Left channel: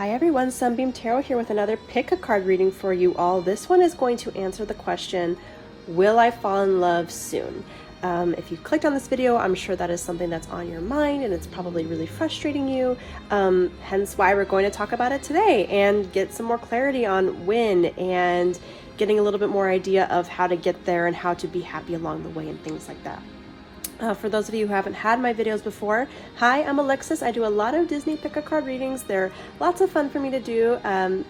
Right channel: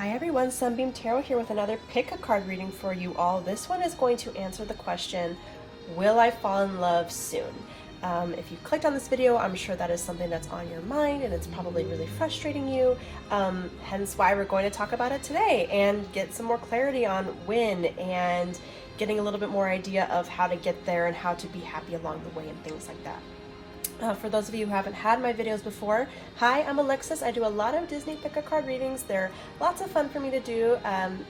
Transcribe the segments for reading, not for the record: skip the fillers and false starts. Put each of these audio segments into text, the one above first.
Hi everyone, Sunbeam Tarot here with another pick a card reading for you all. This one is going to answer the question, will I fall in love soon? If you clicked on this video, I'm sure that is something that's on your mind and it's probably really frustrating you. Hence why we're going to talk about it today and get some more clarity on when and getting a little bit more idea of how to get there and how to be happy along the way and things like that. For those of you who haven't had my videos before, hi, I'm Alexis. I do a lot of Disney pick-a-card readings. They're lots of fun for me to do.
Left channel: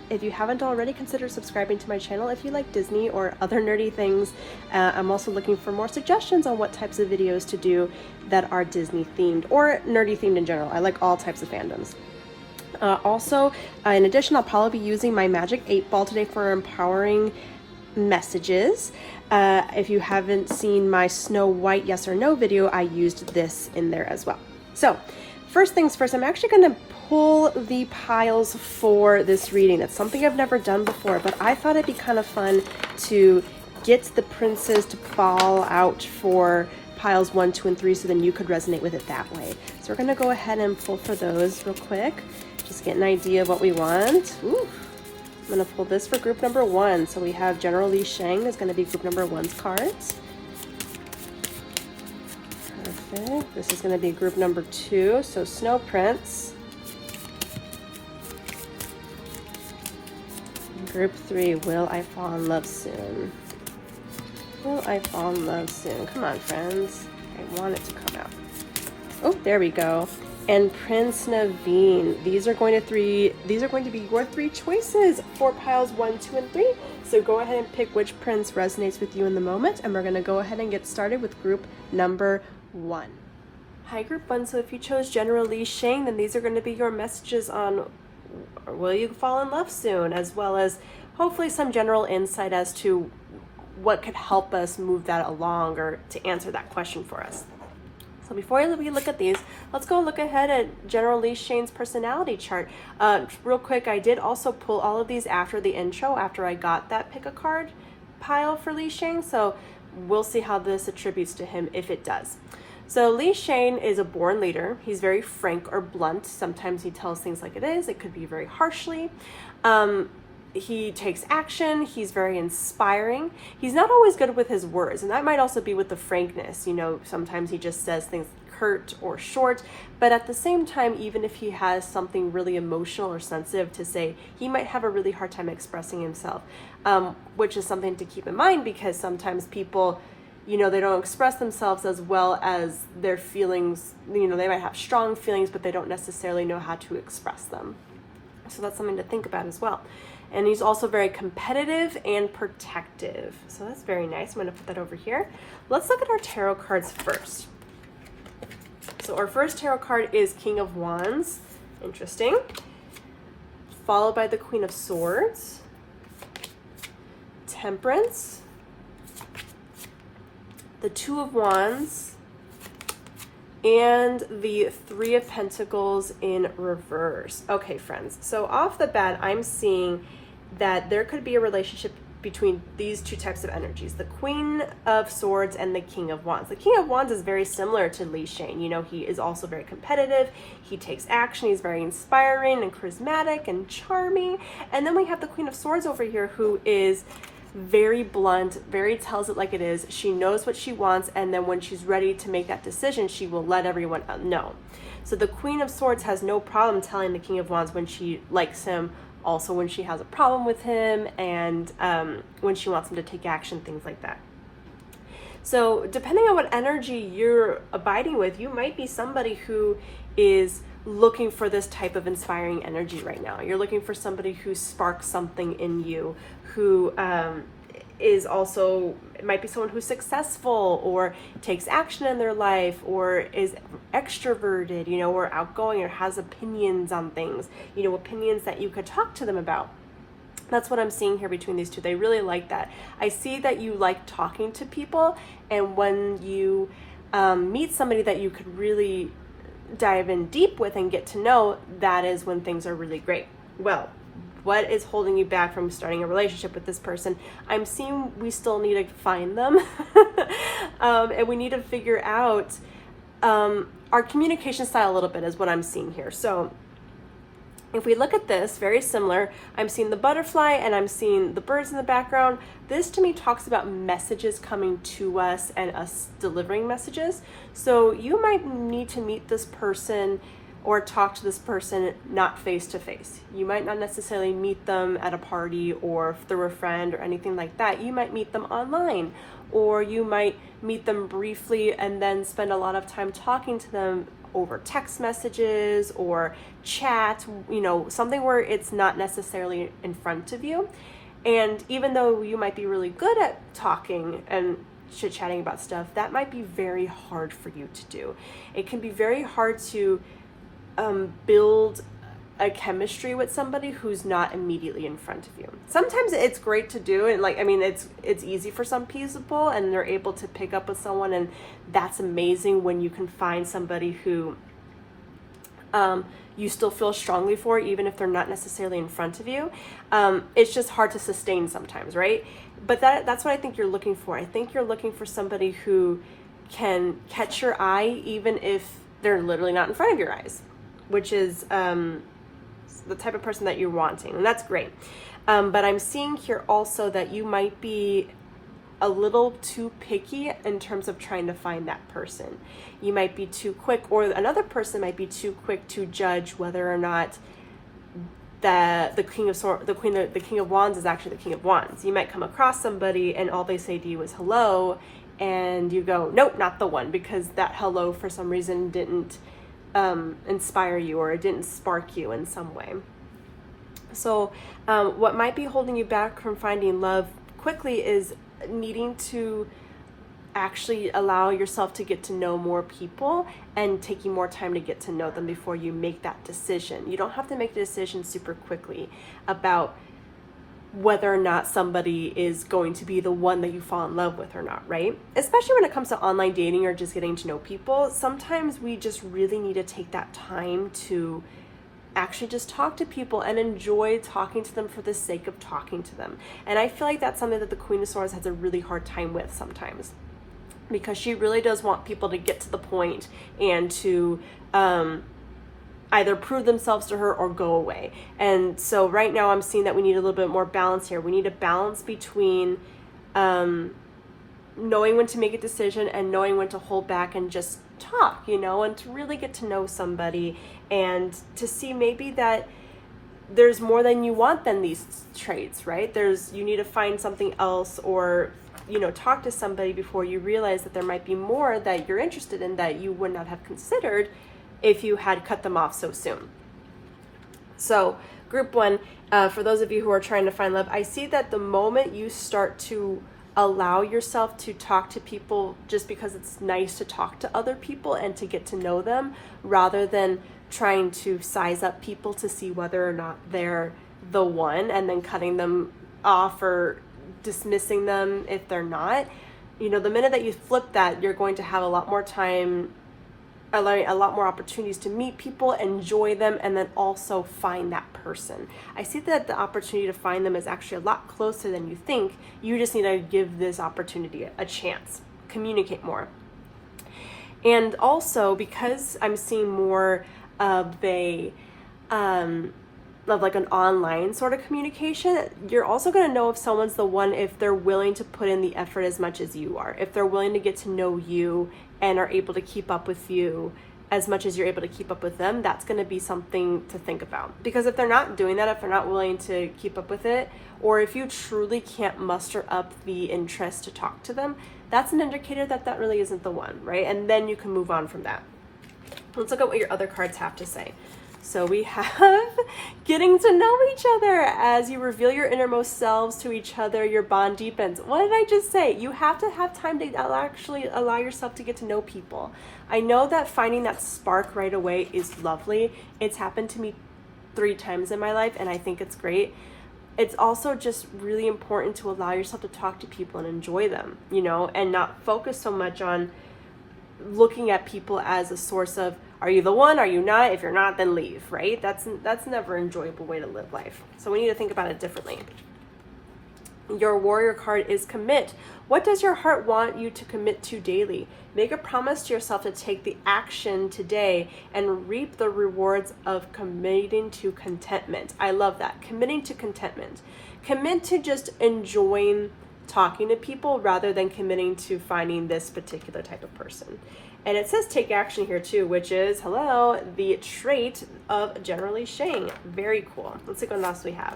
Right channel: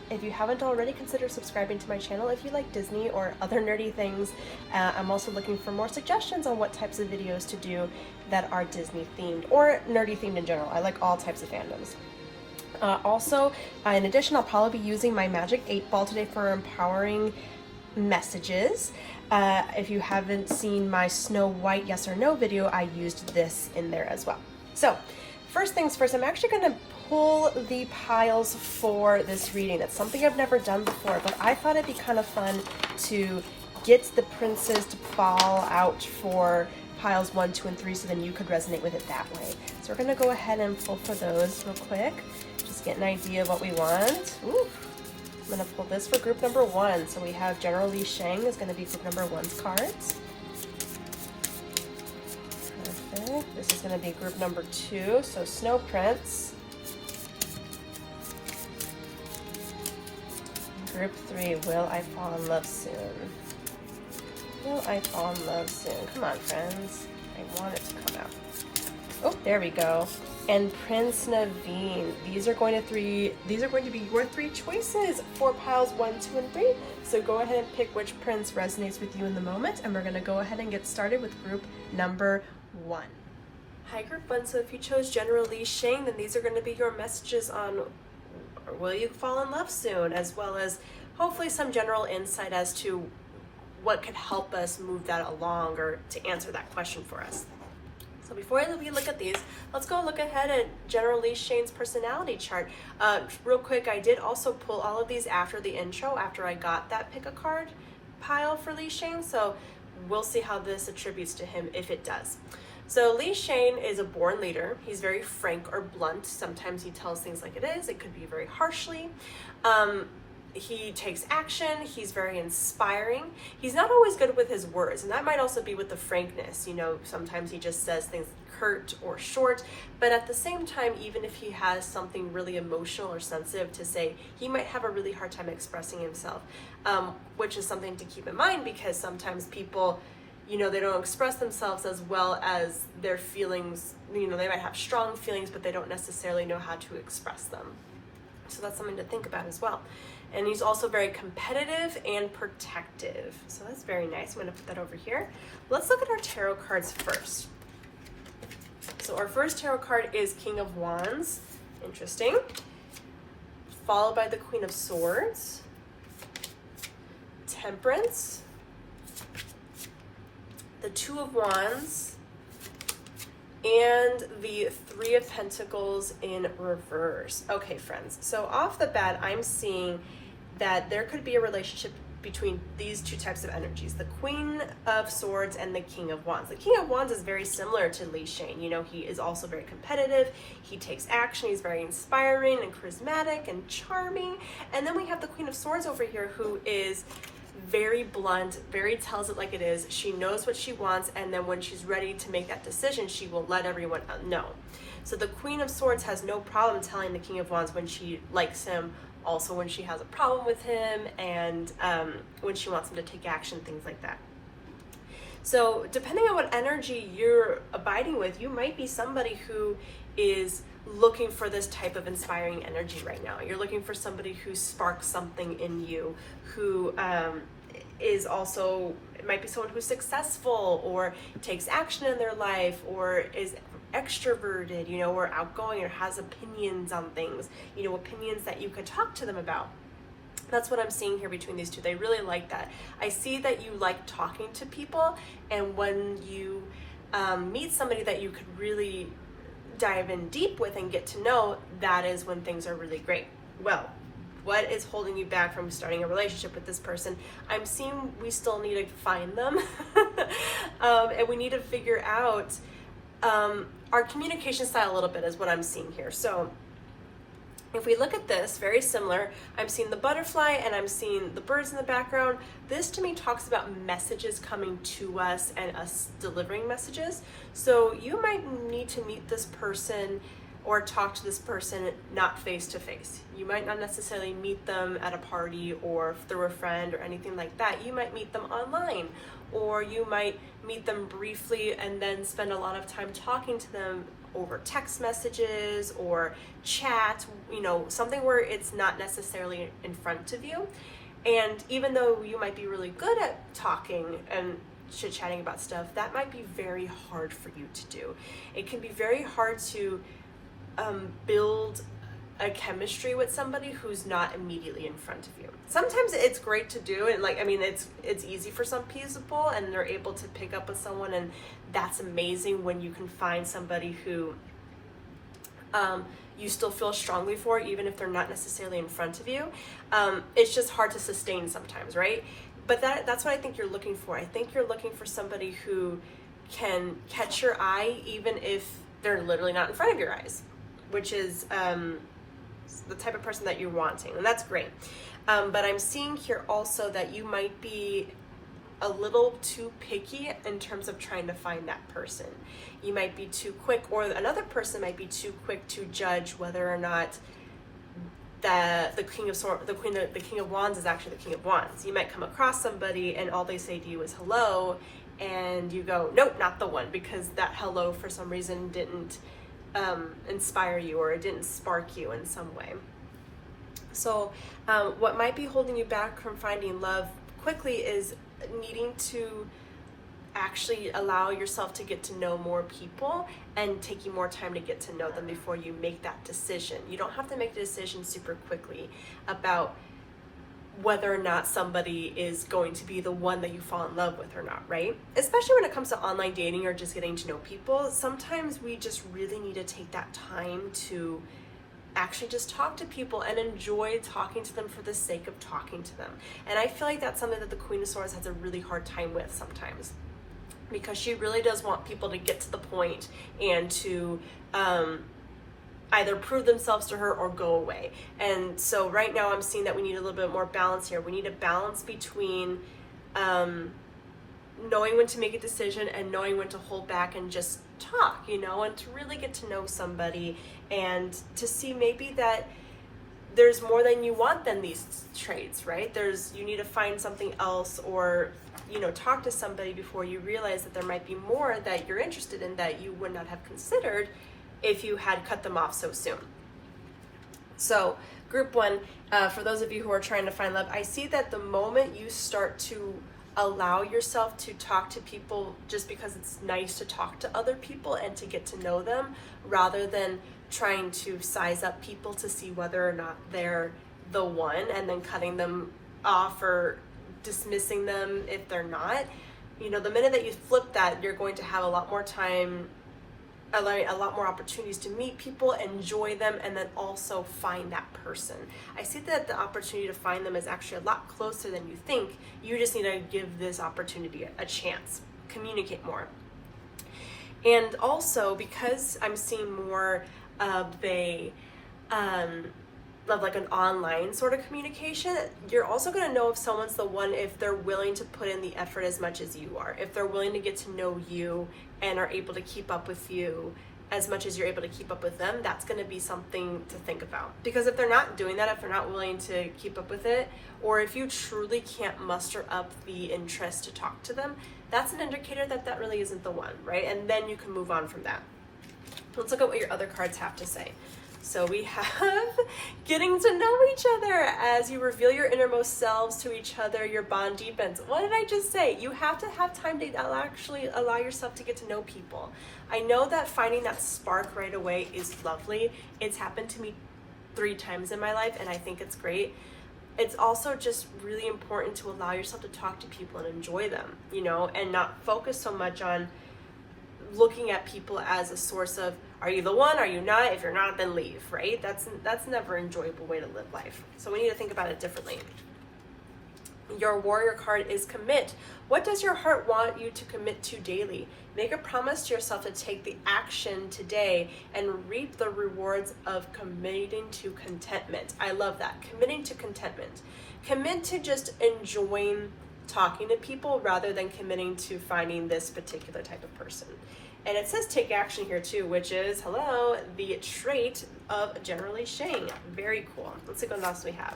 If you haven't already, consider subscribing to my channel if you like Disney or other nerdy things. I'm also looking for more suggestions on what types of videos to do that are Disney themed or nerdy themed in general. I like all types of fandoms. In addition, I'll probably be using my Magic 8 Ball today for empowering messages. If you haven't seen my Snow White yes or no video, I used this in there as well. So first things first, I'm actually going to pull the piles for this reading. It's something I've never done before, but I thought it'd be kind of fun to get the princes to fall out for piles 1, 2, and 3 so then you could resonate with it that way. So we're going to go ahead and pull for those real quick. Just get an idea of what we want. Ooh. I'm going to pull this for group number 1. So we have General Li-Shang is going to be group number 1's cards. Perfect. This is going to be group number 2. So Snow Prince. Group 3, Will I Fall in Love Soon? Will I Fall in Love Soon? Come on, friends. I want it to come out. Oh, there we go. And Prince Naveen. These are going to be your 3 choices for piles 1, 2, and 3. So go ahead and pick which prince resonates with you in the moment, and we're going to go ahead and get started with group number 1. Hi, group 1. So if you chose General Li-Shang, then these are going to be your messages on will you fall in love soon, as well as hopefully some general insight as to what could help us move that along or to answer that question for us. So before we look at these, let's go look ahead at General Li-Shang's personality chart. Real quick, I did also pull all of these after the intro, after I got that pick-a-card pile for Li-Shang, so we'll see how this attributes to him if it does. So Li-Shang is a born leader. He's very frank or blunt. Sometimes he tells things like it is. It could be very harshly. He takes action. He's very inspiring. He's not always good with his words, and that might also be with the frankness. You know, sometimes he just says things curt or short, but at the same time, even if he has something really emotional or sensitive to say, he might have a really hard time expressing himself, which is something to keep in mind because sometimes people, you know, they don't express themselves as well as their feelings. You know, they might have strong feelings, but they don't necessarily know how to express them. So that's something to think about as well. And he's also very competitive and protective. So that's very nice. I'm going to put that over here. Let's look at our tarot cards first. So our first tarot card is King of Wands. Interesting. Followed by the Queen of Swords. Temperance. The Two of Wands. And the Three of Pentacles in reverse. Okay, friends. So off the bat, I'm seeing that there could be a relationship between these two types of energies, the Queen of Swords and the King of Wands. The King of Wands is very similar to Li-Shang. You know, he is also very competitive. He takes action. He's very inspiring and charismatic and charming. And then we have the Queen of Swords over here who is very blunt, very tells it like it is. She knows what she wants, and then when she's ready to make that decision, she will let everyone know. So the Queen of Swords has no problem telling the King of Wands when she likes him, also when she has a problem with him, and when she wants him to take action, things like that. So depending on what energy you're abiding with, you might be somebody who is looking for this type of inspiring energy right now. You're looking for somebody who sparks something in you, who is also, it might be someone who's successful or takes action in their life or is extroverted, you know, or outgoing or has opinions on things, you know, opinions that you could talk to them about. That's what I'm seeing here between these two. They really like that. I see that you like talking to people, and when you meet somebody that you could really dive in deep with and get to know, that is when things are really great. Well, what is holding you back from starting a relationship with this person? I'm seeing we still need to find them and we need to figure out our communication style a little bit is what I'm seeing here. So If we look at this, very similar, I'm seeing the butterfly and I'm seeing the birds in the background. This to me talks about messages coming to us and us delivering messages. So you might need to meet this person or talk to this person not face to face. You might not necessarily meet them at a party or through a friend or anything like that. You might meet them online, or you might meet them briefly and then spend a lot of time talking to them over text messages or chat, you know, something where it's not necessarily in front of you. And even though you might be really good at talking and chit-chatting about stuff, that might be very hard for you to do. It can be very hard to build a chemistry with somebody who's not immediately in front of you. Sometimes it's great to do, and it's easy for some people and they're able to pick up with someone, and that's amazing when you can find somebody who you still feel strongly for, even if they're not necessarily in front of you. It's just hard to sustain sometimes, right? But that's what I think you're looking for. I think you're looking for somebody who can catch your eye even if they're literally not in front of your eyes, which is the type of person that you're wanting, and that's great. But I'm seeing here also that you might be a little too picky in terms of trying to find that person. You might be too quick, or another person might be too quick to judge whether or not the King of Wands is actually the King of Wands. You might come across somebody and all they say to you is hello, and you go, nope, not the one, because that hello for some reason didn't inspire you, or it didn't spark you in some way. So what might be holding you back from finding love quickly is needing to actually allow yourself to get to know more people and taking more time to get to know them before you make that decision. You don't have to make the decision super quickly about whether or not somebody is going to be the one that you fall in love with or not, right? Especially when it comes to online dating or just getting to know people. Sometimes we just really need to take that time to actually just talk to people and enjoy talking to them for the sake of talking to them. And I feel like that's something that the Queen of Swords has a really hard time with sometimes, because she really does want people to get to the point and to either prove themselves to her or go away. And so right now I'm seeing that we need a little bit more balance here. We need a balance between knowing when to make a decision and knowing when to hold back and just talk, you know, and to really get to know somebody and to see maybe that there's more than you want than these traits, right? You need to find something else, or, you know, talk to somebody before you realize that there might be more that you're interested in that you would not have considered if you had cut them off so soon. So group one, for those of you who are trying to find love, I see that the moment you start to allow yourself to talk to people just because it's nice to talk to other people and to get to know them, rather than trying to size up people to see whether or not they're the one and then cutting them off or dismissing them if they're not. You know, the minute that you flip that, you're going to have a lot more time, a lot more opportunities to meet people, enjoy them, and then also find that person. I see that the opportunity to find them is actually a lot closer than you think. You just need to give this opportunity a chance, communicate more. And also, because I'm seeing more of like an online sort of communication, you're also going to know if someone's the one if they're willing to put in the effort as much as you are, if they're willing to get to know you and are able to keep up with you as much as you're able to keep up with them. That's going to be something to think about, because if they're not doing that, if they're not willing to keep up with it, or if you truly can't muster up the interest to talk to them, that's an indicator that that really isn't the one, right? And then you can move on from that. Let's look at what your other cards have to say. So we have getting to know each other. As you reveal your innermost selves to each other, your bond deepens. What did I just say? You have to have time to actually allow yourself to get to know people. I know that finding that spark right away is lovely. It's happened to me 3 times in my life, and I think it's great. It's also just really important to allow yourself to talk to people and enjoy them, you know, and not focus so much on looking at people as a source of, are you the one? Are you not? If you're not, then leave, right? That's never an enjoyable way to live life. So we need to think about it differently. Your warrior card is commit. What does your heart want you to commit to daily? Make a promise to yourself to take the action today and reap the rewards of committing to contentment. I love that. Committing to contentment. Commit to just enjoying talking to people rather than committing to finding this particular type of person. And it says take action here too, which is, hello, the trait of General Li-Shang. Very cool. Let's see what else we have.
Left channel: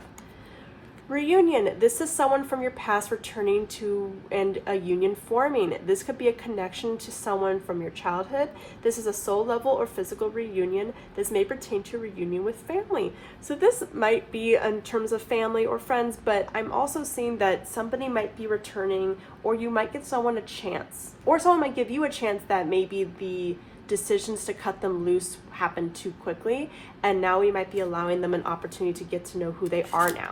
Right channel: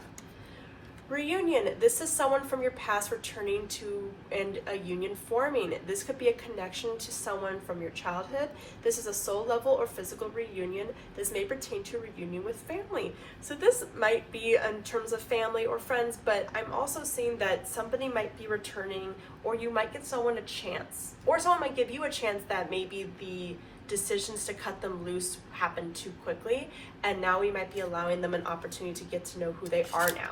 Reunion. This is someone from your past returning to and a union forming. This could be a connection to someone from your childhood. This is a soul level or physical reunion. This may pertain to a reunion with family. So this might be in terms of family or friends, but I'm also seeing that somebody might be returning, or you might get someone a chance, or someone might give you a chance that maybe the decisions to cut them loose happen too quickly, and now we might be allowing them an opportunity to get to know who they are now.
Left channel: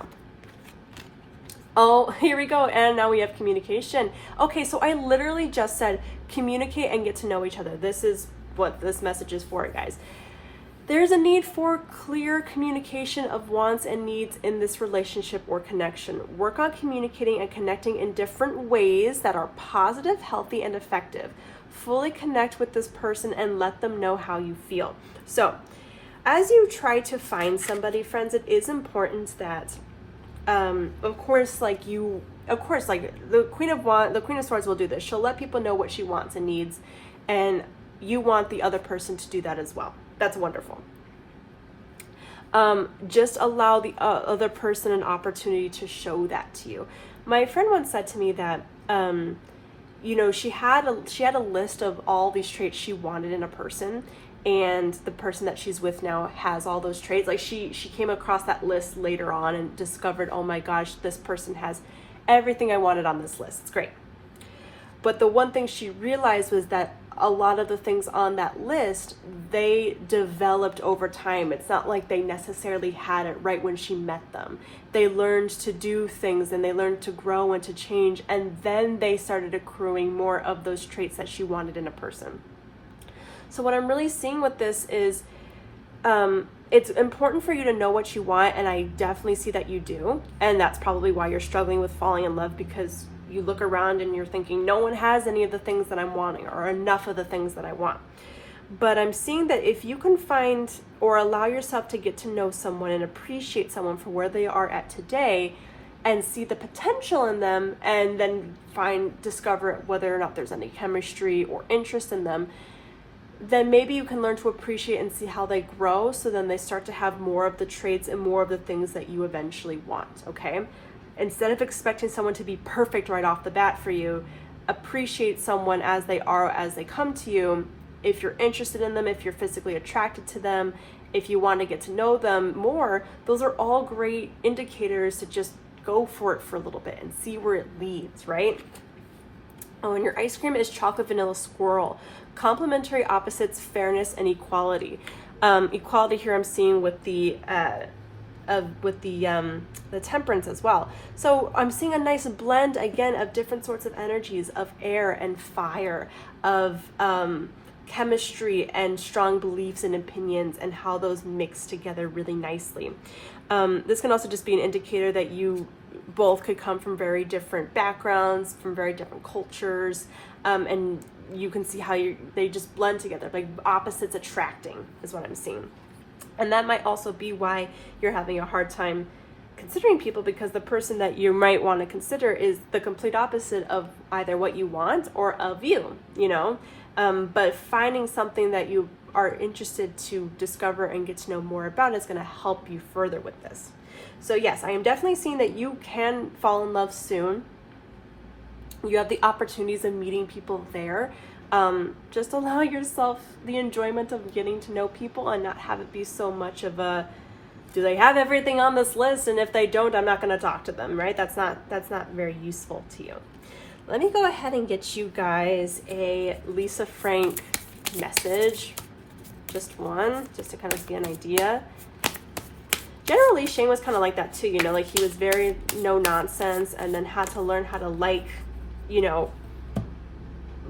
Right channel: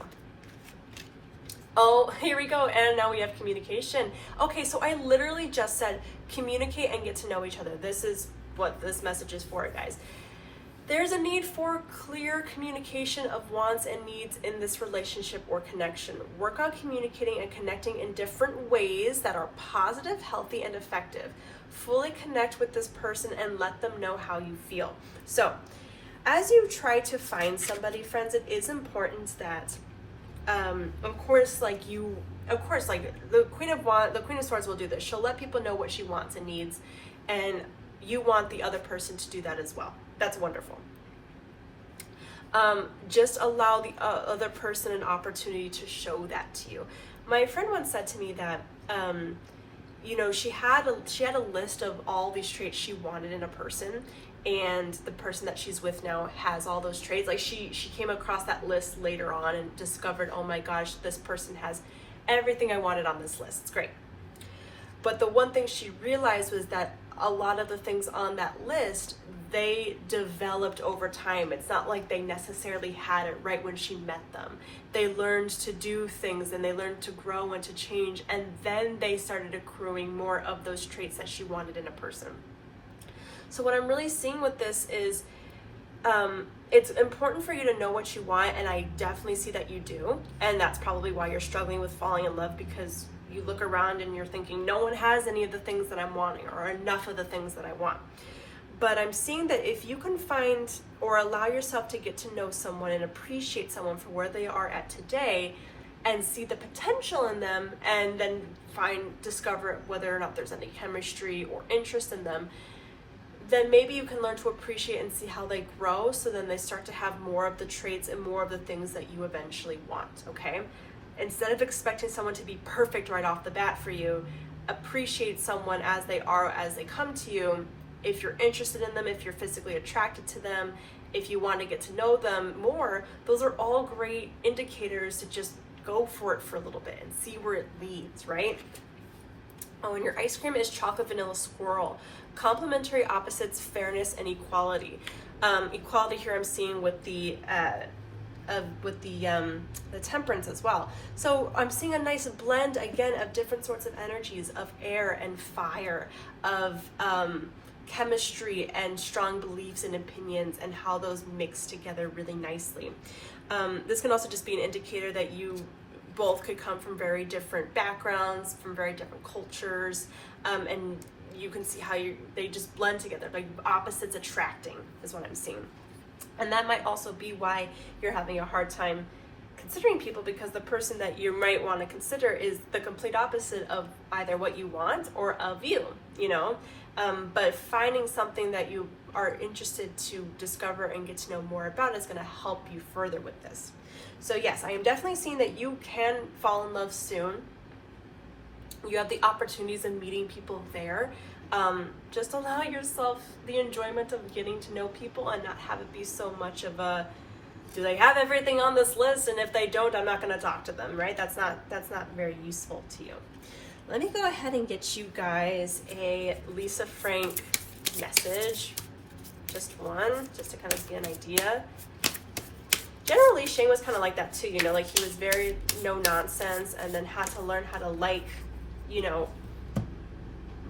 Oh, here we go. And now we have communication. Okay, so I literally just said communicate and get to know each other. This is what this message is for, guys. There's a need for clear communication of wants and needs in this relationship or connection. Work on communicating and connecting in different ways that are positive, healthy, and effective. Fully connect with this person and let them know how you feel. So, as you try to find somebody, friends, it is important that of course, like the Queen of Swords will do this. She'll let people know what she wants and needs, and you want the other person to do that as well. That's wonderful. Just allow the other person an opportunity to show that to you. My friend once said to me that, she had a list of all these traits she wanted in a person, and the person that she's with now has all those traits. Like she came across that list later on and discovered, oh my gosh, this person has everything I wanted on this list. It's great. But the one thing she realized was that a lot of the things on that list, they developed over time. It's not like they necessarily had it right when she met them. They learned to do things, and they learned to grow and to change, and then they started accruing more of those traits that she wanted in a person. So what I'm really seeing with this is it's important for you to know what you want, and I definitely see that you do. And that's probably why you're struggling with falling in love, because you look around and you're thinking, no one has any of the things that I'm wanting, or enough of the things that I want. But I'm seeing that if you can find or allow yourself to get to know someone and appreciate someone for where they are at today, and see the potential in them, and then discover whether or not there's any chemistry or interest in them, then maybe you can learn to appreciate and see how they grow, so then they start to have more of the traits and more of the things that you eventually want, okay? Instead of expecting someone to be perfect right off the bat for you, appreciate someone as they are, as they come to you. If you're interested in them, if you're physically attracted to them, if you want to get to know them more, those are all great indicators to just go for it for a little bit and see where it leads, right? Oh, and your ice cream is chocolate vanilla squirrel. Complementary opposites, fairness and equality. Equality here I'm seeing with the temperance as well. So I'm seeing a nice blend again of different sorts of energies, of air and fire, of chemistry and strong beliefs and opinions, and how those mix together really nicely. This can also just be an indicator that you both could come from very different backgrounds, from very different cultures, and you can see how they just blend together, like opposites attracting is what I'm seeing. And that might also be why you're having a hard time considering people, because the person that you might want to consider is the complete opposite of either what you want or of you, but finding something that you are interested to discover and get to know more about is going to help you further with this. So yes, I am definitely seeing that you can fall in love soon. You have the opportunities of meeting people there. Just allow yourself the enjoyment of getting to know people, and not have it be so much of a, do they have everything on this list? And if they don't, I'm not going to talk to them, right? That's not very useful to you. Let me go ahead and get you guys a Lisa Frank message. Just one, just to kind of get an idea. General Li-Shang was kind of like that too, like he was very no nonsense, and then had to learn how to like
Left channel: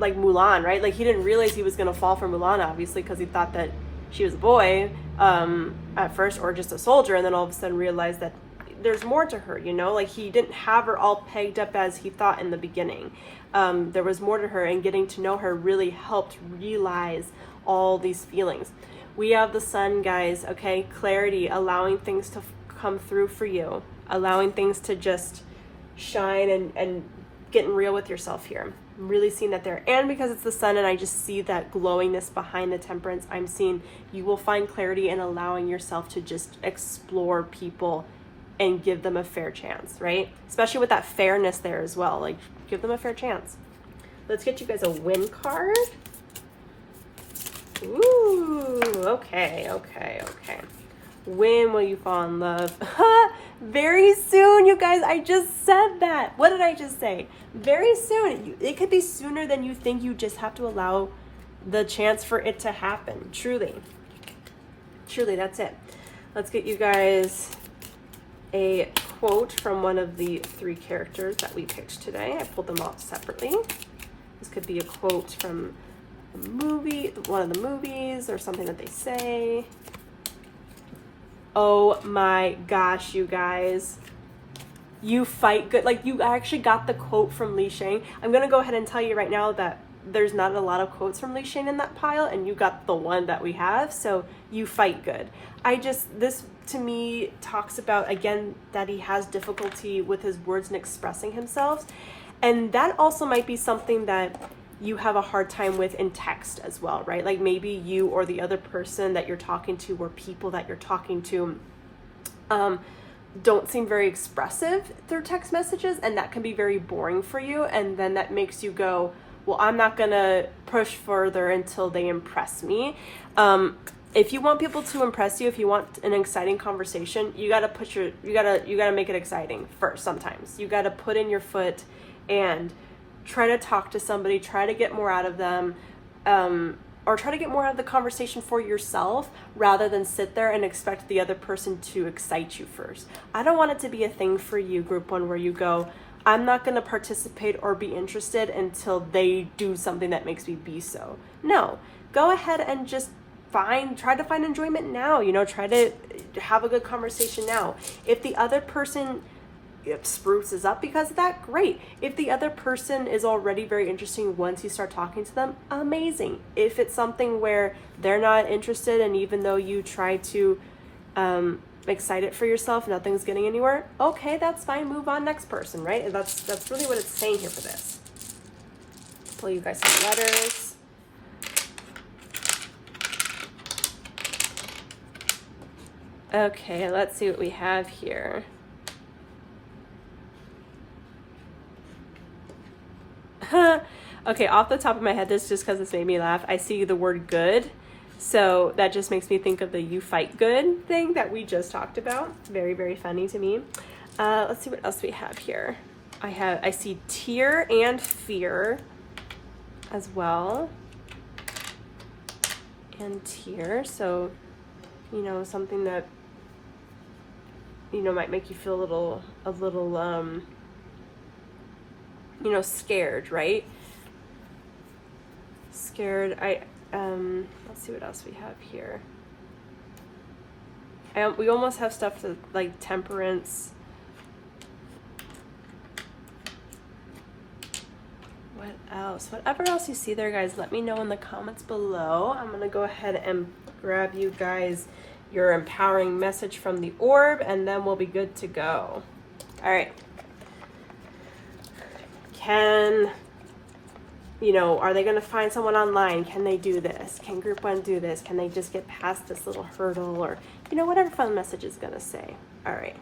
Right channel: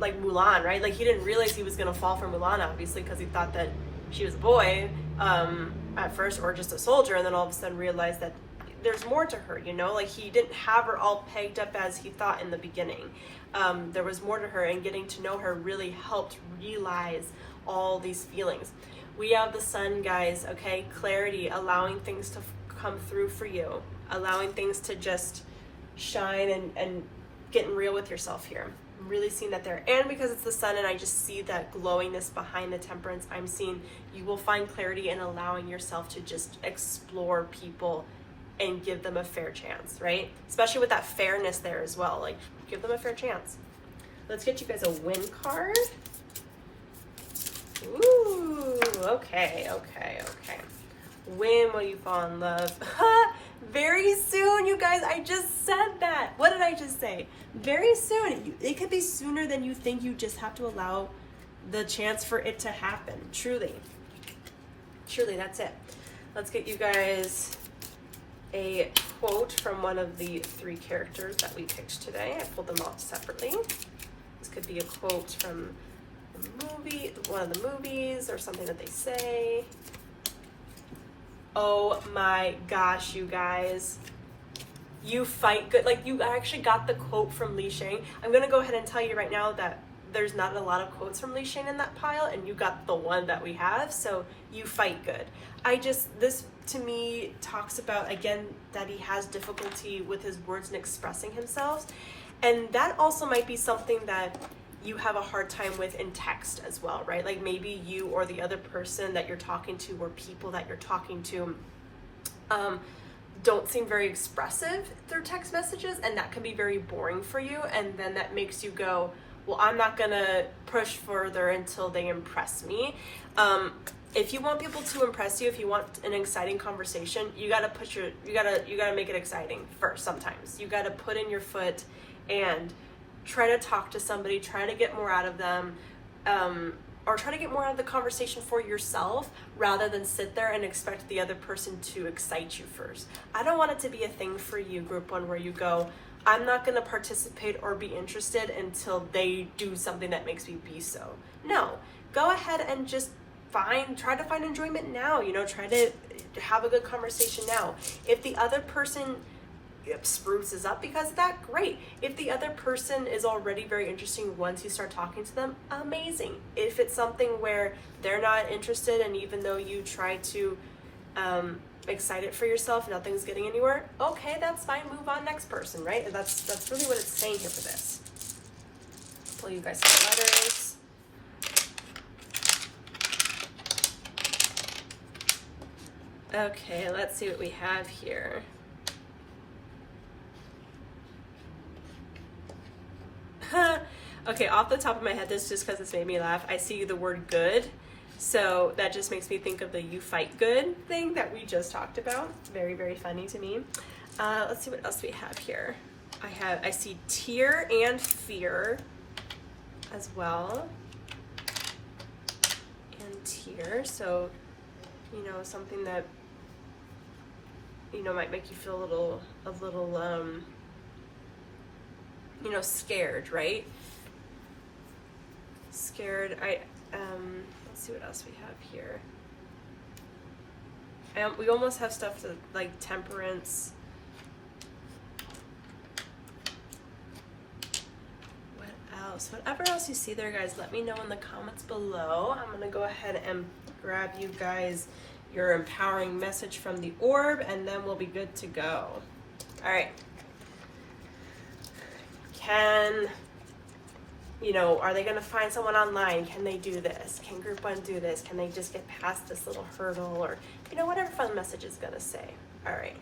Mulan, right? Like he didn't realize he was going to fall for Mulan, obviously, because he thought that she was a boy at first, or just a soldier, and then all of a sudden realized that there's more to her, you know, like he didn't have her all pegged up as he thought in the beginning. There was more to her, and getting to know her really helped realize all these feelings. We have the sun, guys, okay? Clarity, allowing things to come through for you, allowing things to just shine and getting real with yourself here. I'm really seeing that there. And because it's the sun and I just see that glowingness behind the temperance, I'm seeing you will find clarity in allowing yourself to just explore people and give them a fair chance, right? Especially with that fairness there as well. Like, give them a fair chance. Let's get you guys a win card. Ooh, okay. When will you fall in love? Very soon, you guys. I just said that. What did I just say? Very soon. It could be sooner than you think. You just have to allow the chance for it to happen. Truly, that's it. Let's get you guys a quote from one of the 3 characters that we picked today. I pulled them off separately. This could be a quote from the movie, one of the movies, or something that they say. Oh my gosh, you guys. You fight good. Like, you actually got the quote from Li-Shang. I'm going to go ahead and tell you right now that there's not a lot of quotes from Li-Shang in that pile, and you got the one that we have, so you fight good. This to me talks about, again, that he has difficulty with his words and expressing himself, and that also might be something that you have a hard time with in text as well, right? Like, maybe you or the other person that you're talking to, or people that you're talking to, don't seem very expressive through text messages, and that can be very boring for you, and then that makes you go, well, I'm not gonna push further until they impress me. If you want people to impress you, if you want an exciting conversation, you gotta you gotta make it exciting first. Sometimes you gotta put in your foot and try to talk to somebody, try to get more out of them, or try to get more out of the conversation for yourself, rather than sit there and expect the other person to excite you first. I don't want it to be a thing for you, group 1, where you go, I'm not going to participate or be interested until they do something that makes me be so. No, go ahead and just try to find enjoyment now, you know, try to have a good conversation now. If the other person spruces up because of that, great. If the other person is already very interesting once you start talking to them, amazing. If it's something where they're not interested, and even though you try to excite it for yourself, nothing's getting anywhere, okay, that's fine, move on, next person, right? And that's really what it's saying here for this. Pull you guys some letters. Okay, let's see what we have here. Okay, off the top of my head, this just because it's made me laugh, I see the word good. So that just makes me think of the you fight good thing that we just talked about. It's very, very funny to me. Let's see what else we have here. I see tear and fear as well. And tear, so, you know, something that, you know, might make you feel a little, you know, scared, right? Scared. Let's see what else we have here. We almost have stuff to, like, temperance. What else? Whatever else you see there, guys, let me know in the comments below. I'm gonna go ahead and grab you guys your empowering message from the orb, and then we'll be good to go. All right. You know, are they going to find someone online? Can they do this? Can group 1 do this? Can they just get past this little hurdle? Or, you know, whatever fun message is going to say. All right.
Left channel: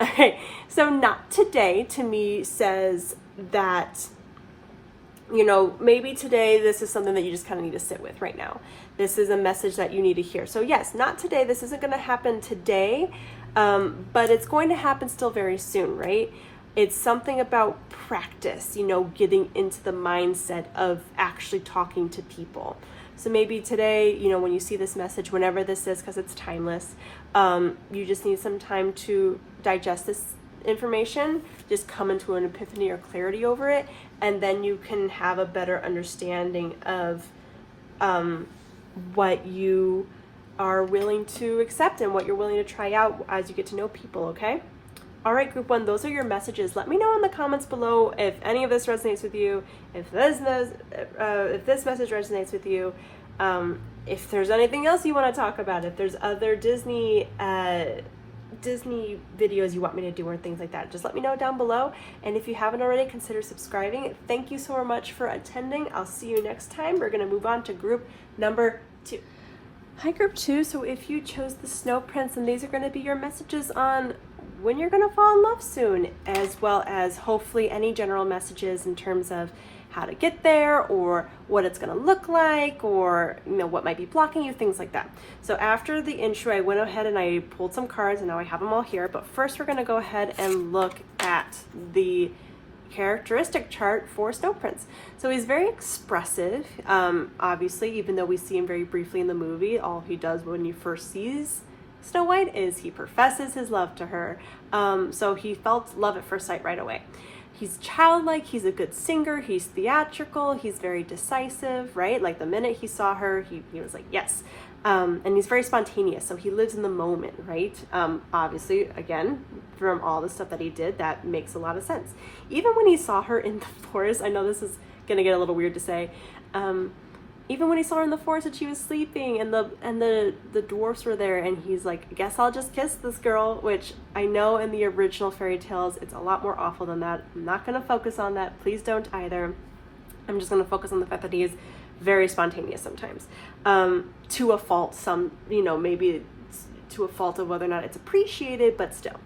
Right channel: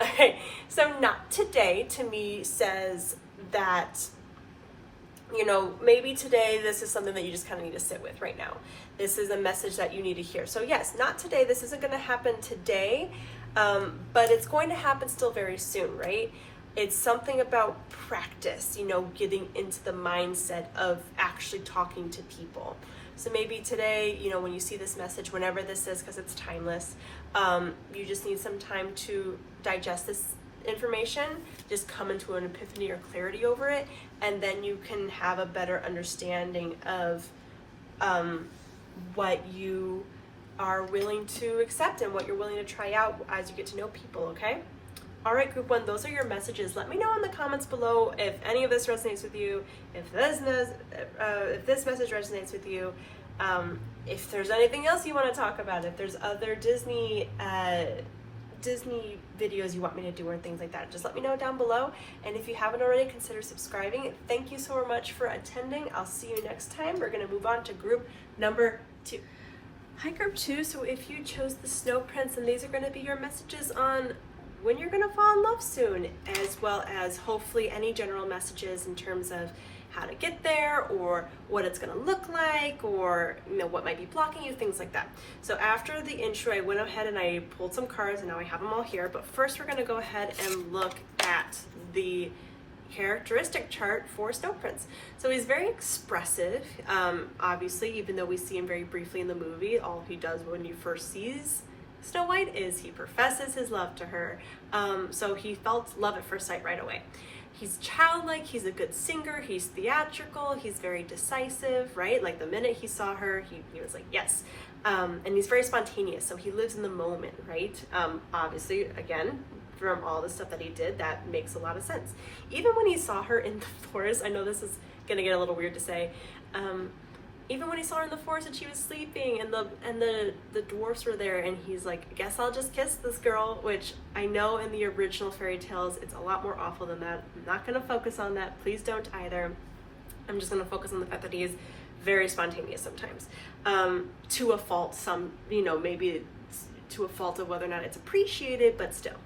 Okay. So not today, to me, says that, you know, maybe today this is something that you just kind of need to sit with right now. This is a message that you need to hear. So yes, not today. This isn't going to happen today, but it's going to happen still very soon, right? It's something about practice, you know, getting into the mindset of actually talking to people. So maybe today, you know, when you see this message, whenever this is, because it's timeless, you just need some time to digest this information, just come into an epiphany or clarity over it, and then you can have a better understanding of what you are willing to accept and what you're willing to try out as you get to know people, okay? All right, group one, those are your messages. Let me know in the comments below if any of this resonates with you, if this message resonates with you, if there's anything else you want to talk about, if there's other Disney videos you want me to do or things like that. Just let me know down below. And if you haven't already, consider subscribing. Thank you so much for attending. I'll see you next time. We're going to move on to group number 2. Hi, group 2. So if you chose the Snow Prince, and these are going to be your messages on when you're going to fall in love soon, as well as hopefully any general messages in terms of how to get there, or what it's going to look like, or what might be blocking you, things like that. So after the intro, I went ahead and I pulled some cards, and now I have them all here. But first, we're going to go ahead and look at the characteristic chart for Snow Prince. So he's very expressive. Obviously, even though we see him very briefly in the movie, all he does when you first sees Snow White is he professes his love to her. So he felt love at first sight right away. He's childlike, he's a good singer, he's theatrical, he's very decisive, right? Like the minute he saw her, he was like, yes. And he's very spontaneous, so he lives in the moment, right? Obviously, again, from all the stuff that he did, that makes a lot of sense. Even when he saw her in the forest, I know this is gonna get a little weird to say, even when he saw her in the forest and she was sleeping and the dwarfs were there, and he's like, I guess I'll just kiss this girl, which I know in the original fairy tales it's a lot more awful than that. I'm not going to focus on that. Please don't either. I'm just going to focus on the fact that he is very spontaneous sometimes. To a fault, maybe to a fault of whether or not it's appreciated, but still.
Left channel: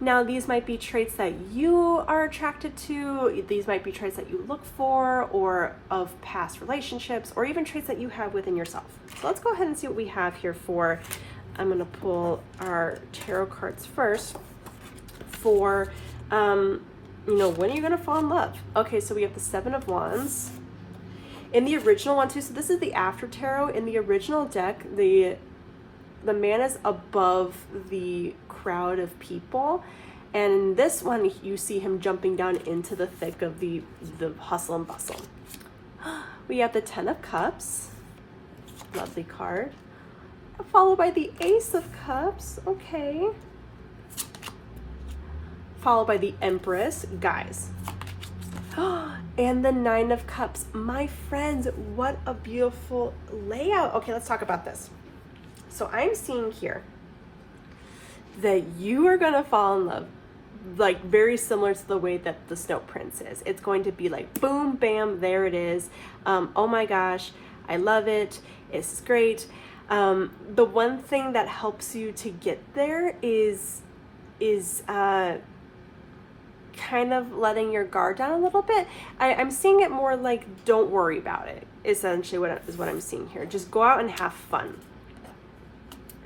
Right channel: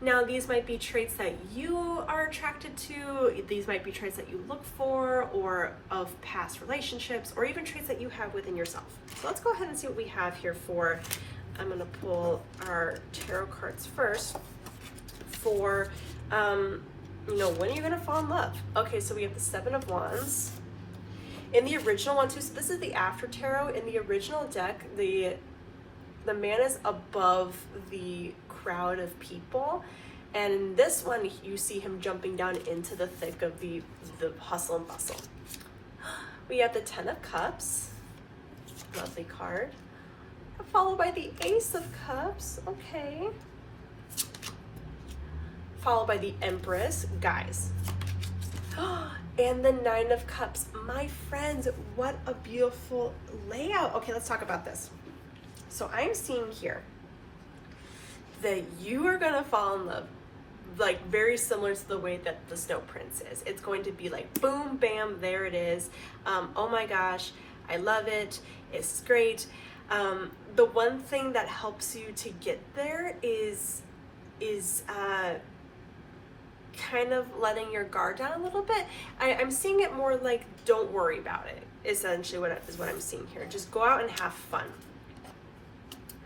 Now, these might be traits that you are attracted to, these might be traits that you look for, or of past relationships, or even traits that you have within yourself. So let's go ahead and see what we have here for, I'm going to pull our tarot cards first, for, when are you going to fall in love? Okay, so we have the 7 of Wands. In the original one too, so this is the after tarot. In the original deck, the man is above the crowd of people, and in this one you see him jumping down into the thick of the hustle and bustle. We have the 10 of Cups, lovely card, followed by the Ace of Cups, okay, followed by the Empress, guys, and the 9 of Cups. My friends, what a beautiful layout. Okay, let's talk about this. So I'm seeing here that you are gonna fall in love, like very similar to the way that the Snow Prince is. It's going to be like boom, bam, there it is. Oh my gosh, I love it. It's great. The one thing that helps you to get there is kind of letting your guard down a little bit. I'm seeing it more like don't worry about it. Essentially, what I'm seeing here. Just go out and have fun.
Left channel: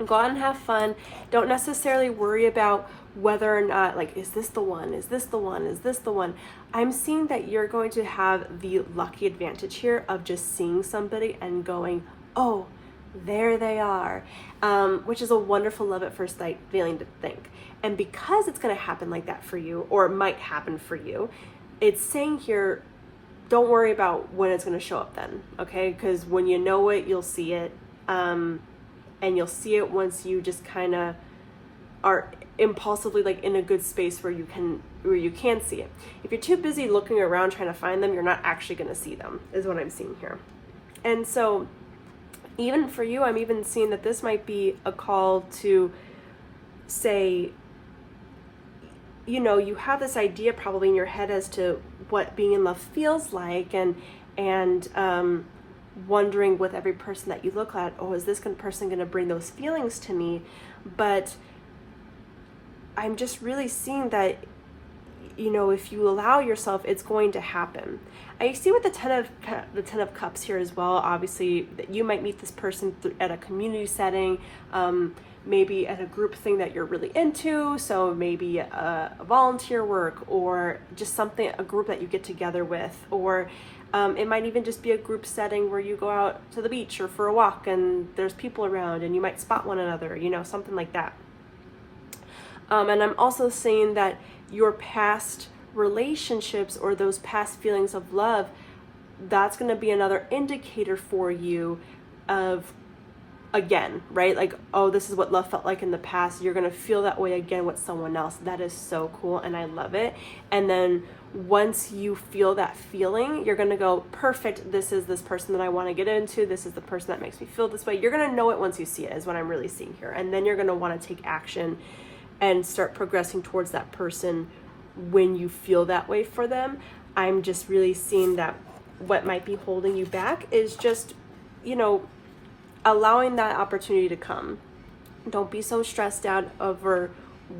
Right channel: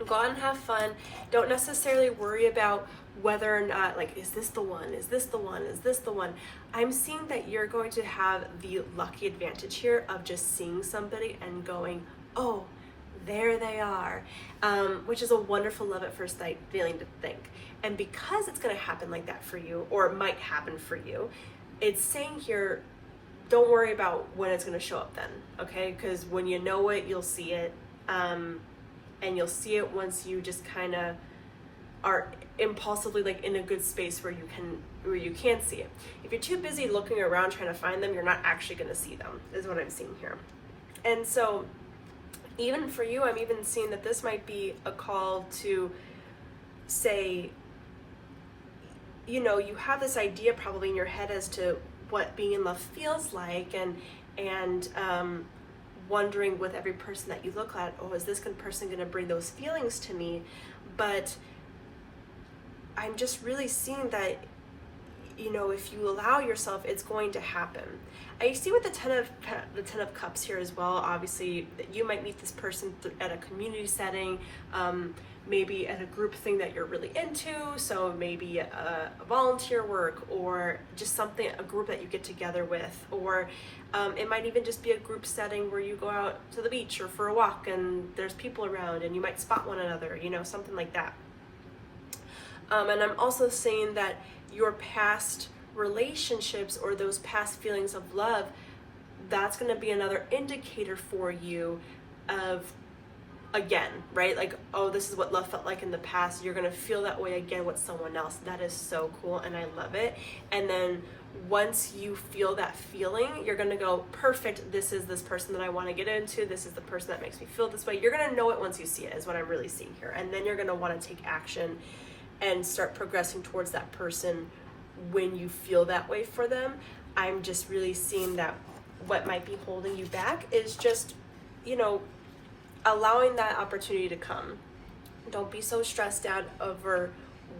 Go out and have fun. Don't necessarily worry about whether or not, like, is this the one? Is this the one? Is this the one? I'm seeing that you're going to have the lucky advantage here of just seeing somebody and going, oh, there they are, which is a wonderful love at first sight feeling to think. And because it's going to happen like that for you, or it might happen for you, it's saying here, don't worry about when it's going to show up then, okay? Because when you know it, you'll see it. And you'll see it once you just kind of are impulsively like in a good space where you can see it. If you're too busy looking around trying to find them, you're not actually going to see them, is what I'm seeing here. And so even for you, I'm even seeing that this might be a call to say, you have this idea probably in your head as to what being in love feels like, and wondering with every person that you look at, oh, is this person going to bring those feelings to me? But I'm just really seeing that, if you allow yourself, it's going to happen. I see with the 10 of Cups here as well, obviously, that you might meet this person at a community setting, maybe at a group thing that you're really into, so maybe a volunteer work, or just a group that you get together with, or it might even just be a group setting where you go out to the beach or for a walk and there's people around and you might spot one another, something like that. And I'm also saying that your past relationships or those past feelings of love, that's going to be another indicator for you of again, right? Like, oh, this is what love felt like in the past. You're going to feel that way again with someone else. That is so cool, and I love it. And then once you feel that feeling, you're going to go, perfect, this is this person that I want to get into. This is the person that makes me feel this way. You're going to know it once you see it, is what I'm really seeing here. And then you're going to want to take action and start progressing towards that person when you feel that way for them. I'm just really seeing that what might be holding you back is just, you know, allowing that opportunity to come. Don't be so stressed out over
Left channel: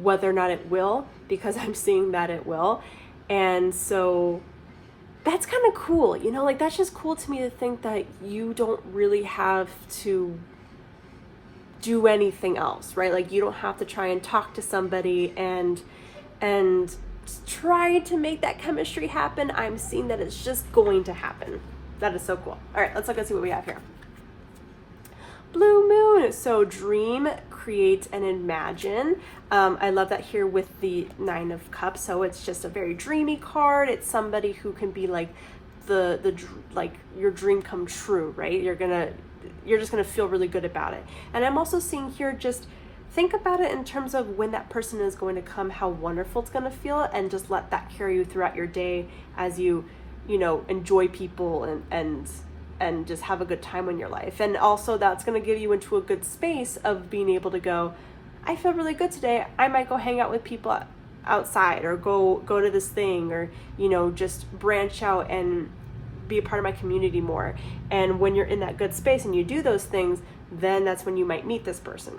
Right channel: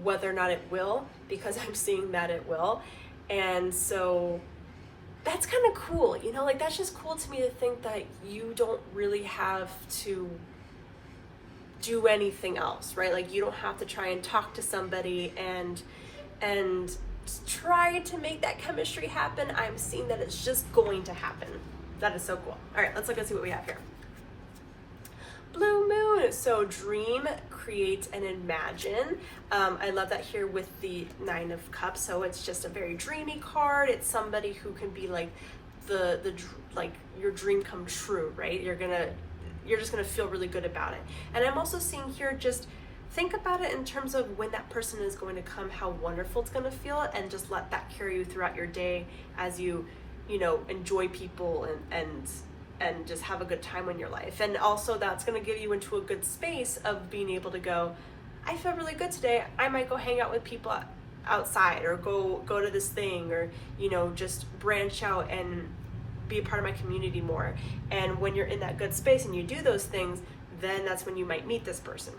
whether or not it will, because I'm seeing that it will. And so that's kind of cool, you know, like that's just cool to me to think that you don't really have to do anything else, right? Like you don't have to try and talk to somebody and try to make that chemistry happen. I'm seeing that it's just going to happen. That is so cool. All right, let's look and see what we have here. Blue moon. So dream, create, and imagine. I love that here with the 9 of Cups. So it's just a very dreamy card. It's somebody who can be like the like your dream come true, right? You're just gonna feel really good about it. And I'm also seeing here, just think about it in terms of when that person is going to come, how wonderful it's gonna feel, and just let that carry you throughout your day as you know, enjoy people and just have a good time in your life. And also that's going to get you into a good space of being able to go, I feel really good today. I might go hang out with people outside, or go to this thing, or, you know, just branch out and be a part of my community more. And when you're in that good space and you do those things, then that's when you might meet this person.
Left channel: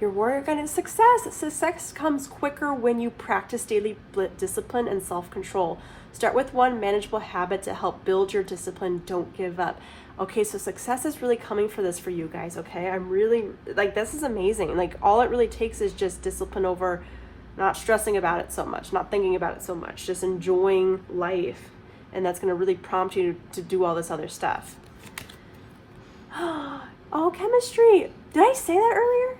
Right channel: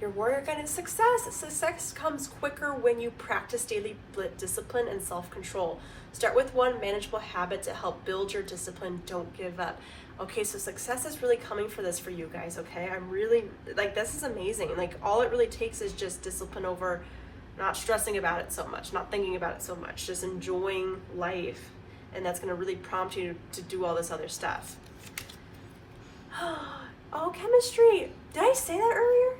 Your warrior guidance, success. Success comes quicker when you practice daily discipline and self-control. Start with one manageable habit to help build your discipline. Don't give up. Okay, so success is really coming for this for you guys, okay? I'm really, like, this is amazing. Like, all it really takes is just discipline over not stressing about it so much, not thinking about it so much, just enjoying life. And that's going to really prompt you to do all this other stuff. Oh, chemistry. Did I say that earlier?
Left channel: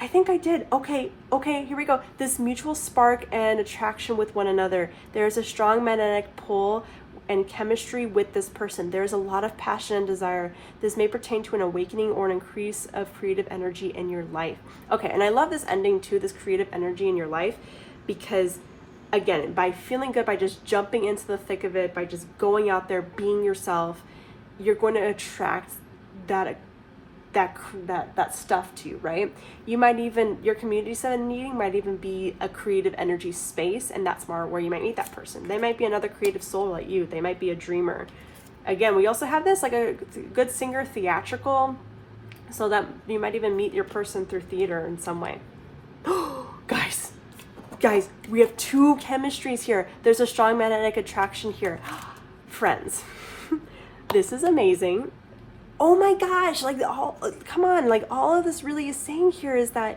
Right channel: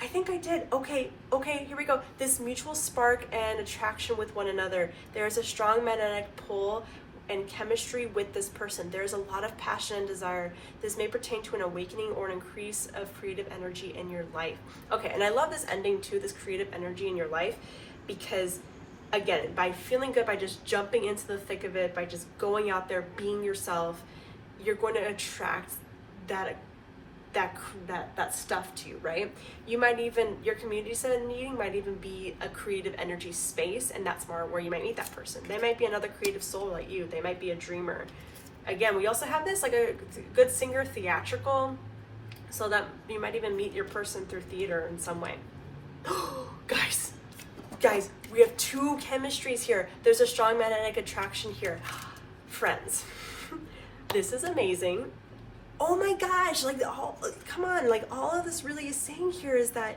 I think I did. Okay, here we go. This mutual spark and attraction with one another. There's a strong magnetic pull and chemistry with this person. There's a lot of passion and desire. This may pertain to an awakening or an increase of creative energy in your life. Okay, and I love this ending too, this creative energy in your life, because again, by feeling good, by just jumping into the thick of it, by just going out there, being yourself, you're going to attract that stuff to you, right? You might even, your community center meeting might even be a creative energy space, and that's more where you might meet that person. They might be another creative soul like you. They might be a dreamer. Again, we also have this, like a good singer, theatrical, so that you might even meet your person through theater in some way. Guys, we have 2 chemistries here. There's a strong magnetic attraction here. Friends, this is amazing. Oh my gosh, like, come on, like, all of this really is saying here is that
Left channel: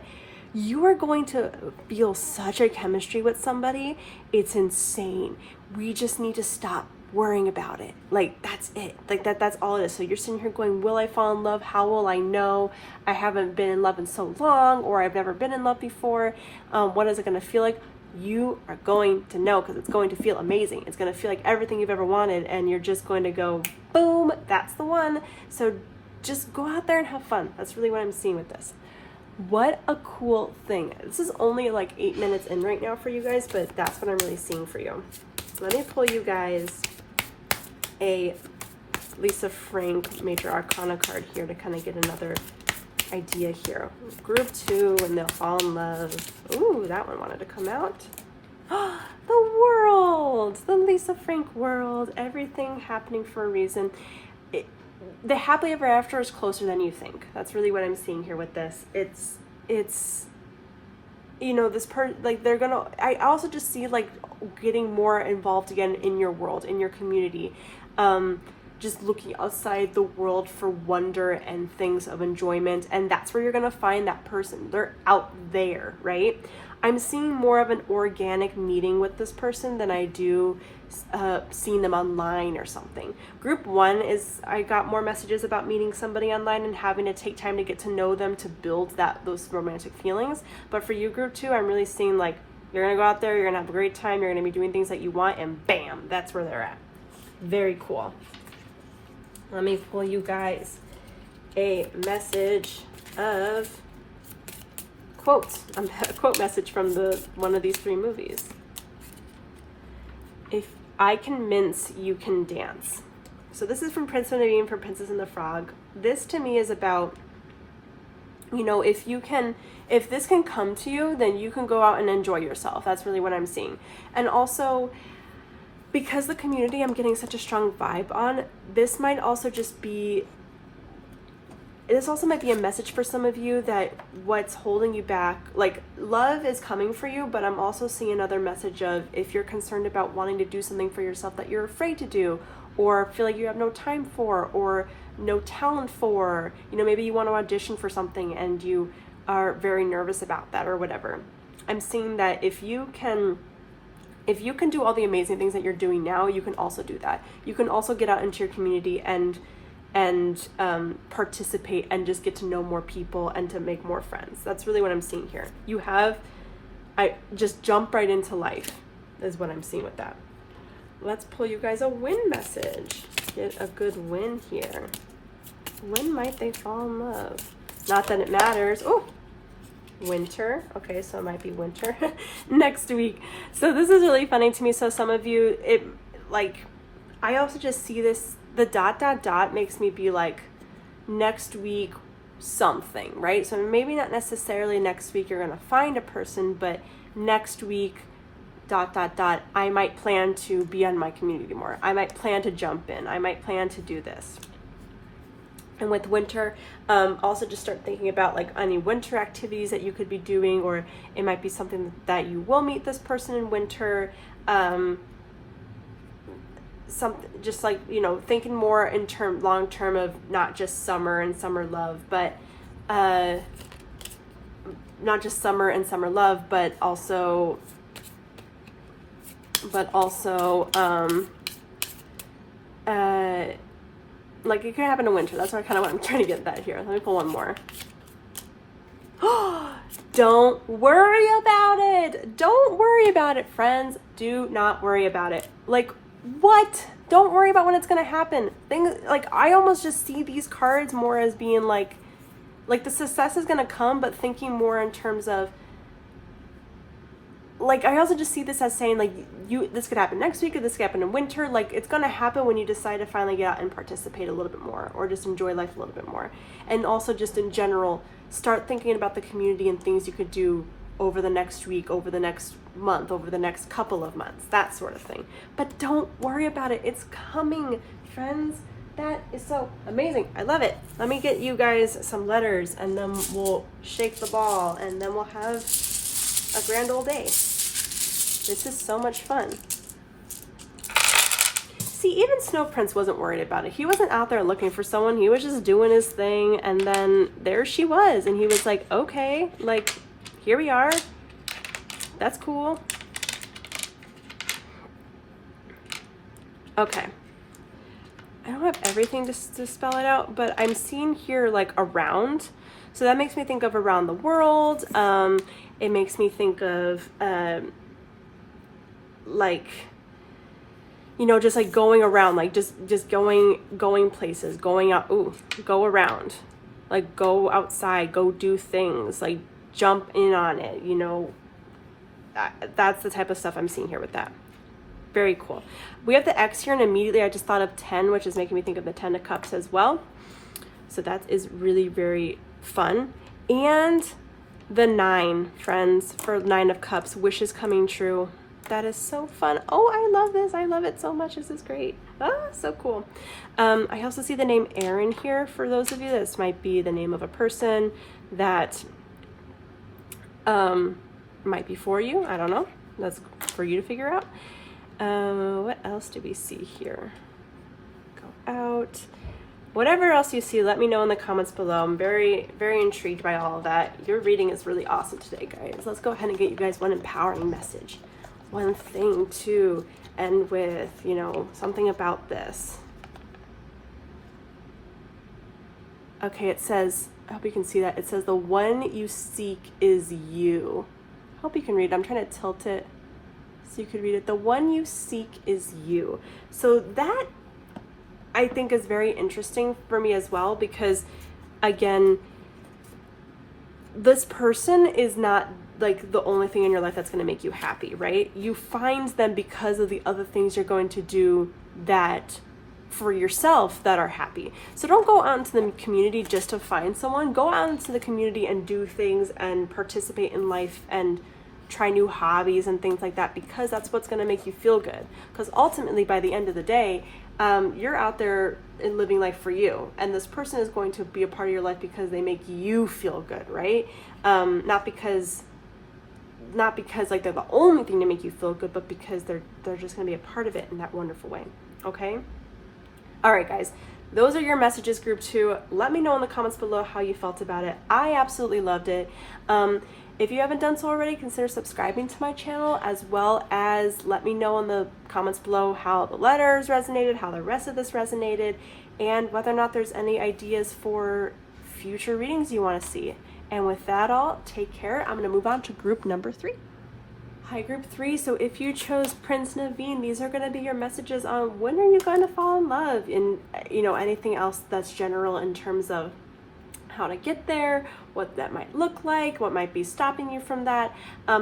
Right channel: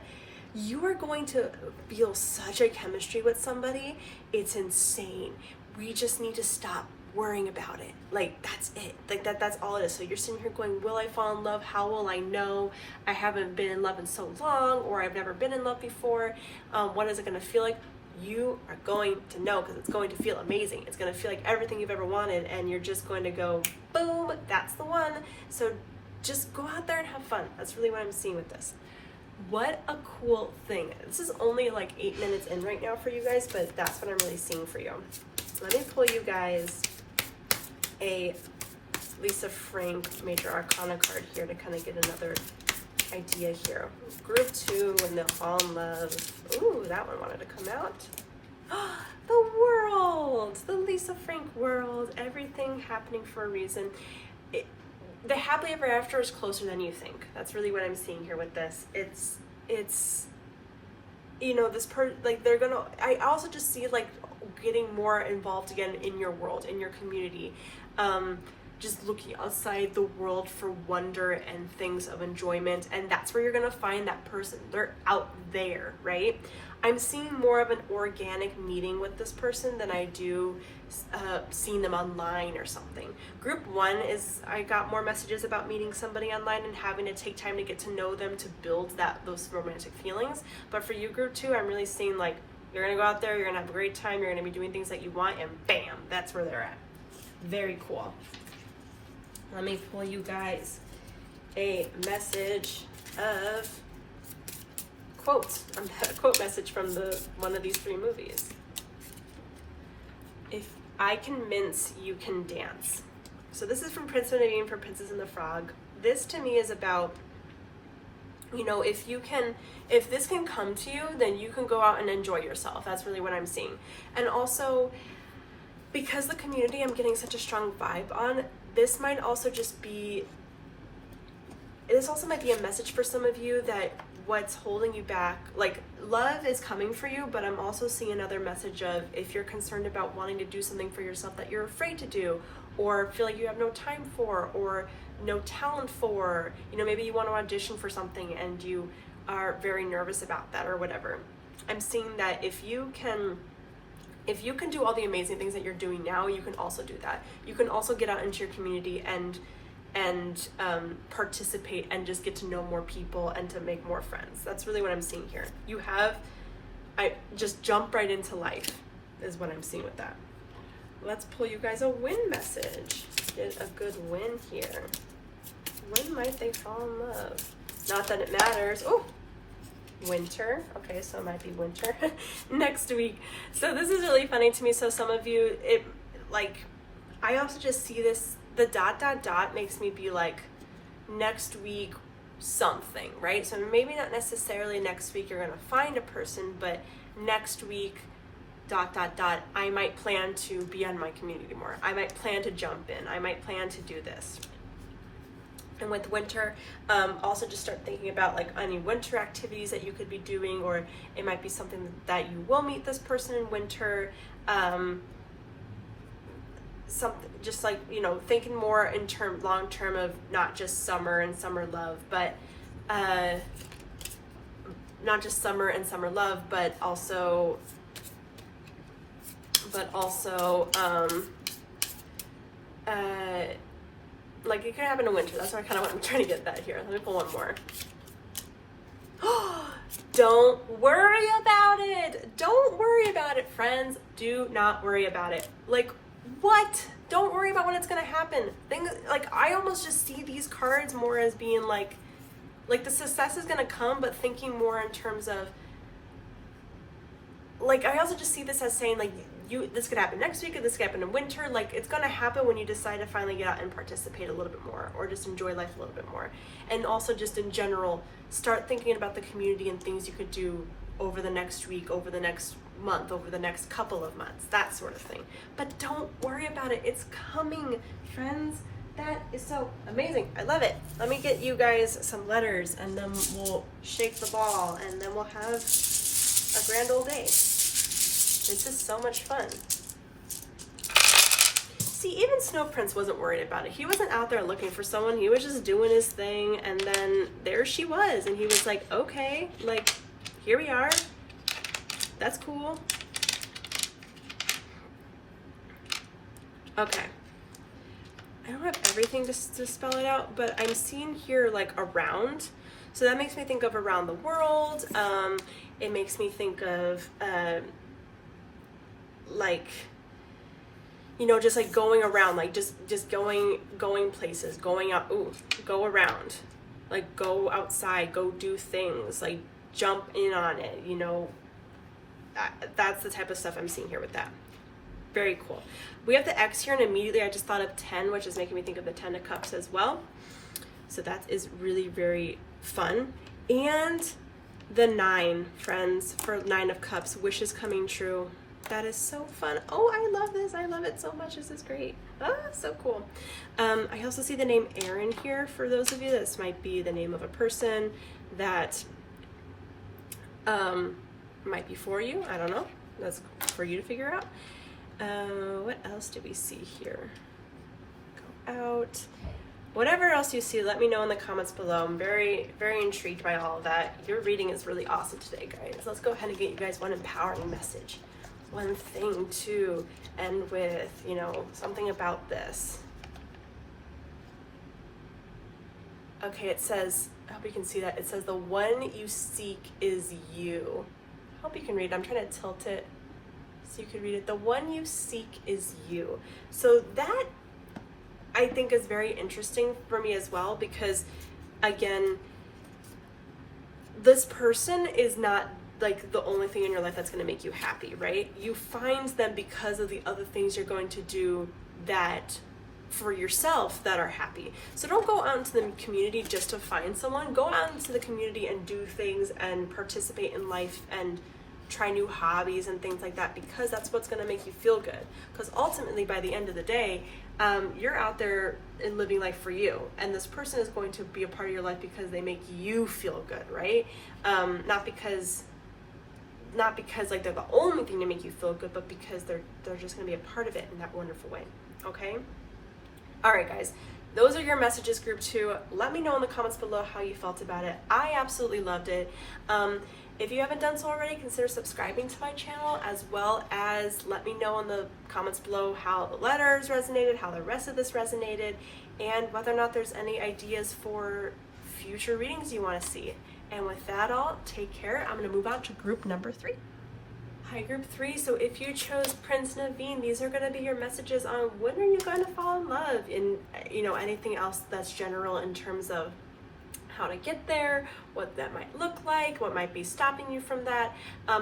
you are going to feel such a chemistry with somebody. It's insane. We just need to stop worrying about it. Like, that's it. Like, that's all it is. So you're sitting here going, will I fall in love? How will I know? I haven't been in love in so long, or I've never been in love before. What is it going to feel like? You are going to know, because it's going to feel amazing. It's going to feel like everything you've ever wanted, and you're just going to go, boom, that's the one. So just go out there and have fun. That's really what I'm seeing with this. What a cool thing. This is only like 8 minutes in right now for you guys, but that's what I'm really seeing for you. Let me pull you guys a Lisa Frank Major Arcana card here to kind of get another idea here. Group 2, and they'll fall in love. Ooh, that one wanted to come out. The world, the Lisa Frank world, everything happening for a reason. The happily ever after is closer than you think. That's really what I'm seeing here with this. It's you know, this like, they're gonna, I also just see like getting more involved again in your world, in your community. Just looking outside the world for wonder and things of enjoyment, and that's where you're gonna find that person. They're out there, right? I'm seeing more of an organic meeting with this person than I do seeing them online or something. Group 1 is, I got more messages about meeting somebody online and having to take time to get to know them to build those romantic feelings. But for you, Group 2, I'm really seeing like, you're gonna go out there, you're gonna have a great time, you're gonna be doing things that you want, and bam, that's where they're at. Very cool. Let me pull you guys a message of quotes, a quote message from one of these 3 movies. If I can mince, you can dance. So this is from Prince and Naveen for Princess and the Frog. This to me is about, you know, if this can come to you, then you can go out and enjoy yourself. That's really what I'm seeing. And also, because the community I'm getting such a strong vibe on, this might also might be a message for some of you that what's holding you back, like love is coming for you, but I'm also seeing another message of if you're concerned about wanting to do something for yourself that you're afraid to do, or feel like you have no time for, or no talent for, you know, maybe you want to audition for something and you are very nervous about that or whatever. I'm seeing that if you can do all the amazing things that you're doing now, you can also do that. You can also get out into your community and participate and just get to know more people and to make more friends. That's really what I'm seeing here. I just jump right into life is what I'm seeing with that. Let's pull you guys a win message. Get a good win here. When might they fall in love? Not that it matters. Oh, winter. Okay, so it might be winter next week. So this is really funny to me. So some of you, I also just see this, the ... makes me be like, next week something, right? So maybe not necessarily next week you're gonna find a person, but next week ... I might plan to be on my community more. I might plan to jump in. I might plan to do this. And with winter, also just start thinking about like any winter activities that you could be doing, or it might be something that you will meet this person in winter. Something just like, you know, thinking more in long term of not just summer and summer love, but not just summer and summer love, but also like it could happen in winter. That's kind of what I'm trying to get that here. Let me pull one more. Don't worry about it. Don't worry about it, friends. Do not worry about it. Like, what? Don't worry about when it's gonna happen. Things like, I almost just see these cards more as being like the success is gonna come, but thinking more in terms of, like, I also just see this as saying, like, this could happen next week, or this could happen in winter. Like, it's going to happen when you decide to finally get out and participate a little bit more, or just enjoy life a little bit more. And also just in general, start thinking about the community and things you could do over the next week, over the next month, over the next couple of months, that sort of thing. But don't worry about it. It's coming, friends. That is so amazing. I love it. Let me get you guys some letters, and then we'll shake the ball, and then we'll have a grand old day. This is so much fun. See, even Snow Prince wasn't worried about it. He wasn't out there looking for someone. He was just doing his thing, and then there she was, and he was like, okay, like, here we are. That's cool. Okay. I don't have everything to spell it out, but I'm seeing here, like, around. So that makes me think of around the world. It makes me think of, like, you know, just like going around, like just going places, going out, go around, like go outside, go do things, like jump in on it, you know. That's the type of stuff I'm seeing here with that. Very cool. We have the X here, and immediately I just thought of 10, which is making me think of the 10 of Cups as well. So that is really very fun. And the 9, friends, for 9 of Cups, wishes coming true. That is so fun. Oh, I love this. I love it so much. This is great. Ah, so cool. I also see the name Aaron here. For those of you, this might be the name of a person that might be for you. I don't know. That's for you to figure out. What else do we see here? Go out. Whatever else you see, let me know in the comments below. I'm very, very intrigued by all of that. Your reading is really awesome today, guys. Let's go ahead and get you guys one empowering message. One thing to end with, you know, something about this. Okay, it says, I hope you can see that. It says, the one you seek is you. I hope you can read it. I'm trying to tilt it so you can read it. The one you seek is you. So that, I think, is very interesting for me as well, because again, this person is not like the only thing in your life that's going to make you happy, right? You find them because of the other things you're going to do that for yourself that are happy. So don't go out into the community just to find someone. Go out into the community and do things and participate in life and try new hobbies and things like that, because that's what's going to make you feel good. Because ultimately, by the end of the day, you're out there and living life for you, and this person is going to be a part of your life because they make you feel good, right? Not because like they're the only thing to make you feel good, but because they're just going to be a part of it in that wonderful way. Okay. All right, guys, those are your messages, group 2. Let me know in the comments below how you felt about it. I absolutely loved it. If you haven't done so already, consider subscribing to my channel, as well as let me know in the comments below how the letters resonated, how the rest of this resonated, and whether or not there's any ideas for future readings you want to see. And with that all, take care. I'm going to move on to group number 3. Hi, group 3. So if you chose Prince Naveen, these are going to be your messages on when are you going to fall in love, and anything else that's general in terms of how to get there, what that might look like, what might be stopping you from that.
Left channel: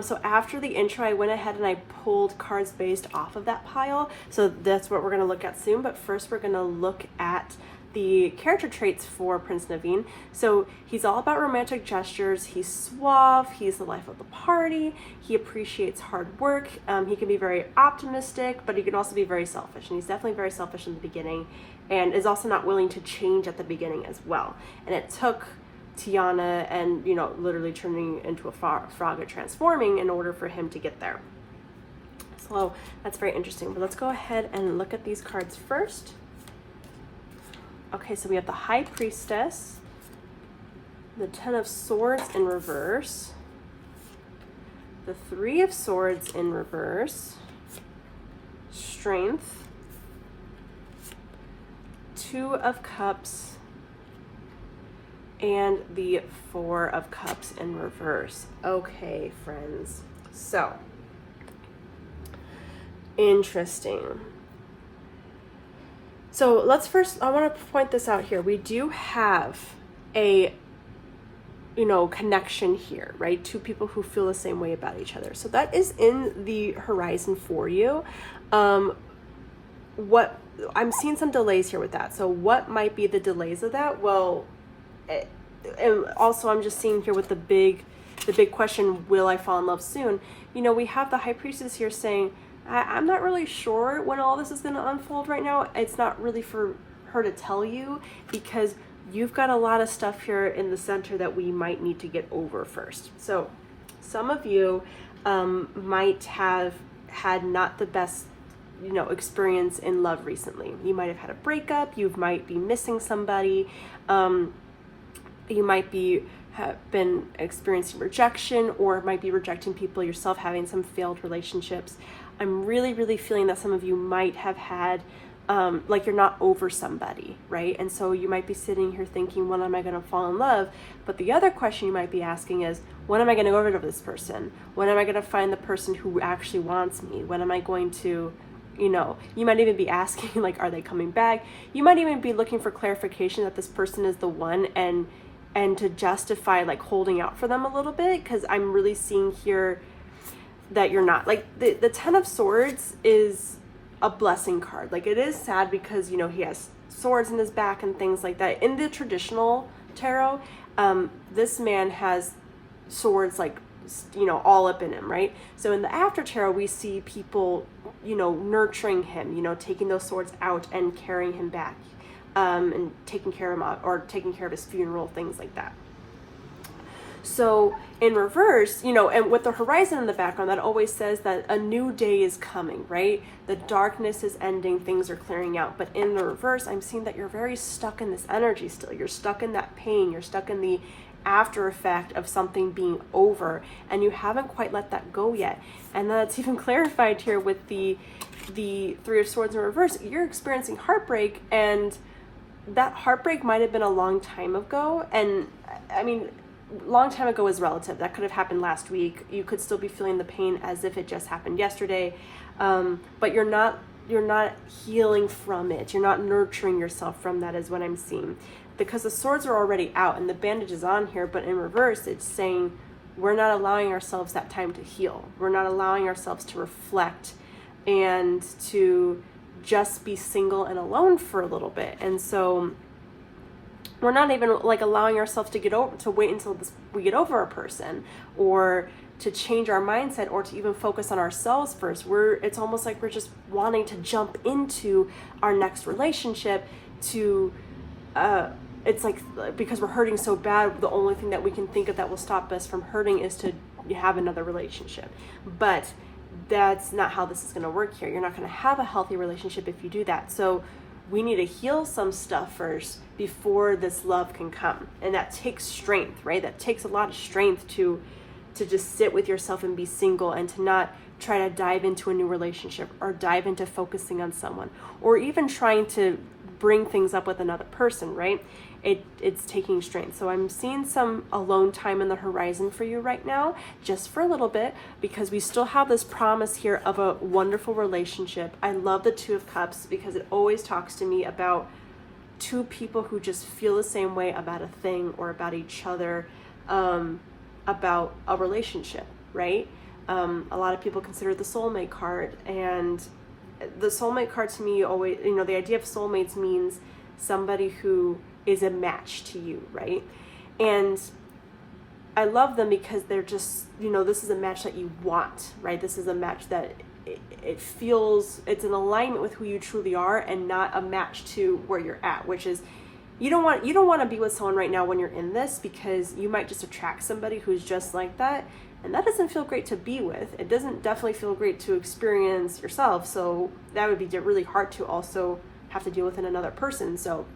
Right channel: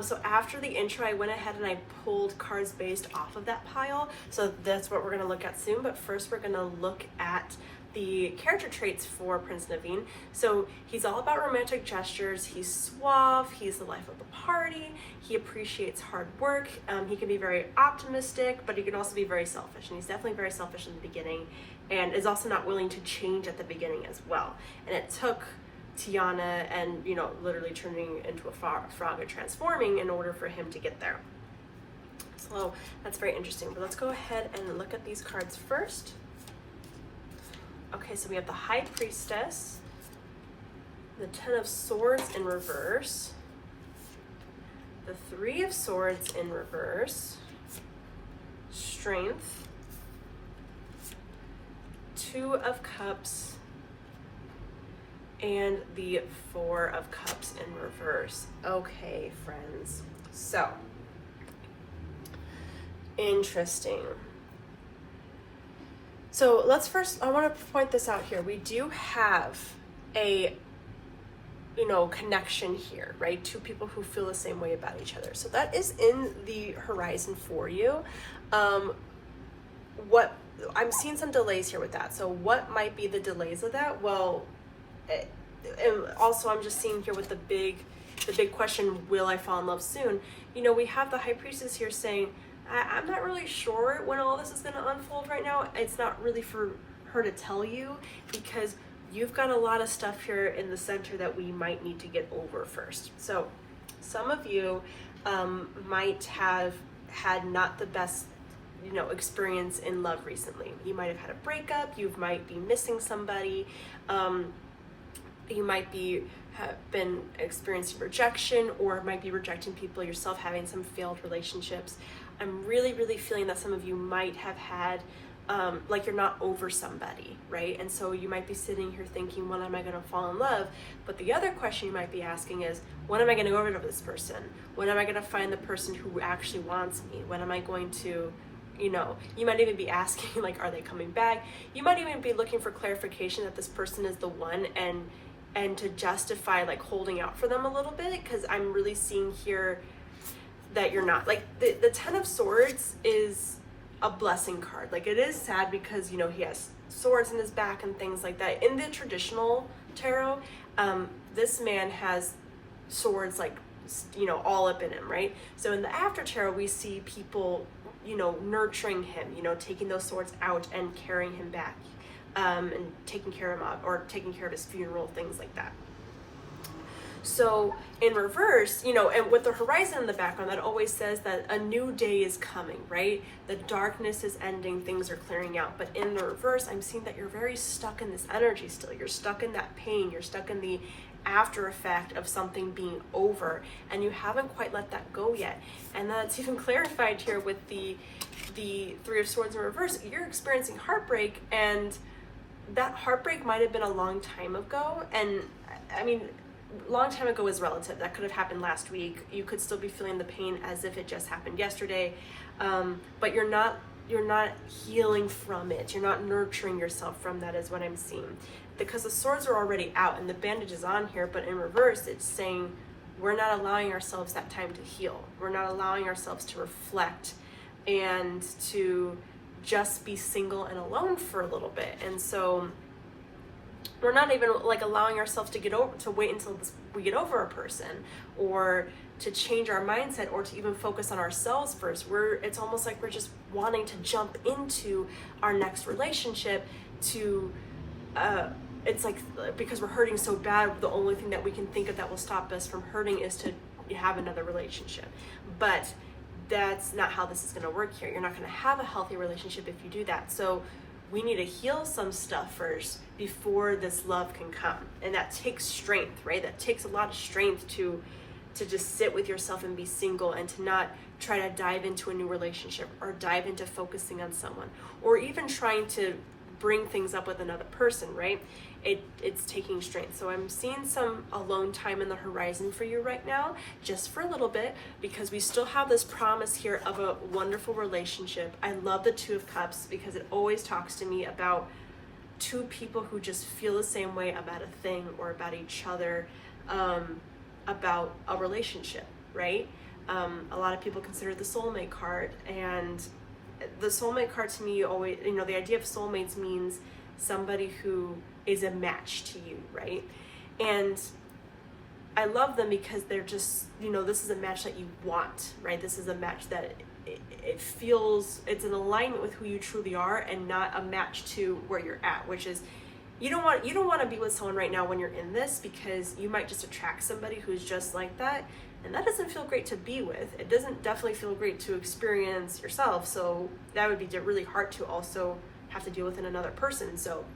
So after the intro, I went ahead and I pulled cards based off of that pile. So that's what we're going to look at soon. But first, we're going to look at the character traits for Prince Naveen. So he's all about romantic gestures. He's suave. He's the life of the party. He appreciates hard work. He can be very optimistic, but he can also be very selfish. And he's definitely very selfish in the beginning, and is also not willing to change at the beginning as well. And it took Tiana and, literally turning into a frog and transforming in order for him to get there. So that's very interesting. But let's go ahead and look at these cards first. Okay, so we have the High Priestess, the Ten of Swords in reverse, the Three of Swords in reverse, Strength, Two of Cups, and the Four of Cups in reverse. Okay, friends. So, interesting. So let's first, I want to point this out here. We do have a, connection here, right? Two people who feel the same way about each other. So that is in the horizon for you. What I'm seeing some delays here with that. So what might be the delays of that? Well, and also I'm just seeing here with the big question, will I fall in love soon? We have the High Priestess here saying, I'm not really sure when all this is going to unfold right now. It's not really for her to tell you, because you've got a lot of stuff here in the center that we might need to get over first. So some of you might have had not the best experience in love recently. You might have had a breakup. You might be missing somebody. You might have been experiencing rejection, or might be rejecting people yourself, having some failed relationships. I'm really, really feeling that some of you might have had, like you're not over somebody, right? And so you might be sitting here thinking, when am I going to fall in love? But the other question you might be asking is, when am I going to go over this person? When am I going to find the person who actually wants me? When am I going to, you might even be asking, like, are they coming back? You might even be looking for clarification that this person is the one, and to justify like holding out for them a little bit, because I'm really seeing here that you're not. Like the Ten of Swords is a blessing card. Like, it is sad because he has swords in his back and things like that. In the traditional tarot, this man has swords like all up in him, right? So in the after tarot, we see people nurturing him, taking those swords out and carrying him back, and taking care of him, or taking care of his funeral, things like that. So in reverse, and with the horizon in the background, that always says that a new day is coming, right? The darkness is ending, things are clearing out. But in the reverse, I'm seeing that you're very stuck in this energy still. You're stuck in that pain. You're stuck in the after effect of something being over, and you haven't quite let that go yet. And that's even clarified here with the Three of Swords in reverse. You're experiencing heartbreak, and that heartbreak might have been a long time ago. And I mean, long time ago is relative. That could have happened last week. You could still be feeling the pain as if it just happened yesterday, but you're not healing from it. You're not nurturing yourself from that, is what I'm seeing. because the swords are already out and the bandage is on here, but in reverse, it's saying we're not allowing ourselves that time to heal. We're not allowing ourselves to reflect and to just be single and alone for a little bit. And so we're not even like allowing ourselves to wait until we get over a person, or to change our mindset, or to even focus on ourselves first. It's almost like we're just wanting to jump into our next relationship to, it's like, because we're hurting so bad, the only thing that we can think of that will stop us from hurting is to have another relationship. But that's not how this is going to work here. You're not going to have a healthy relationship if you do that. So we need to heal some stuff first before this love can come. And that takes strength, right? That takes a lot of strength to just sit with yourself and be single, and to not try to dive into a new relationship, or dive into focusing on someone, or even trying to bring things up with another person, right? It's taking strength. So I'm seeing some alone time in the horizon for you right now, just for a little bit, because we still have this promise here of a wonderful relationship. I love the Two of Cups because it always talks to me about two people who just feel the same way about a thing or about each other, about a relationship, right? A lot of people consider the soulmate card, and the soulmate card to me always, the idea of soulmates means somebody who is a match to you, right? And I love them because they're just, this is a match that you want, right? This is a match that it feels, it's an alignment with who you truly are, and not a match to where you're at, which is, you don't want to be with someone right now when you're in this, because you might just attract somebody who's just like that, and that doesn't feel great to be with. It doesn't definitely feel great to experience yourself, so that would be really hard to also have to deal with in another person. So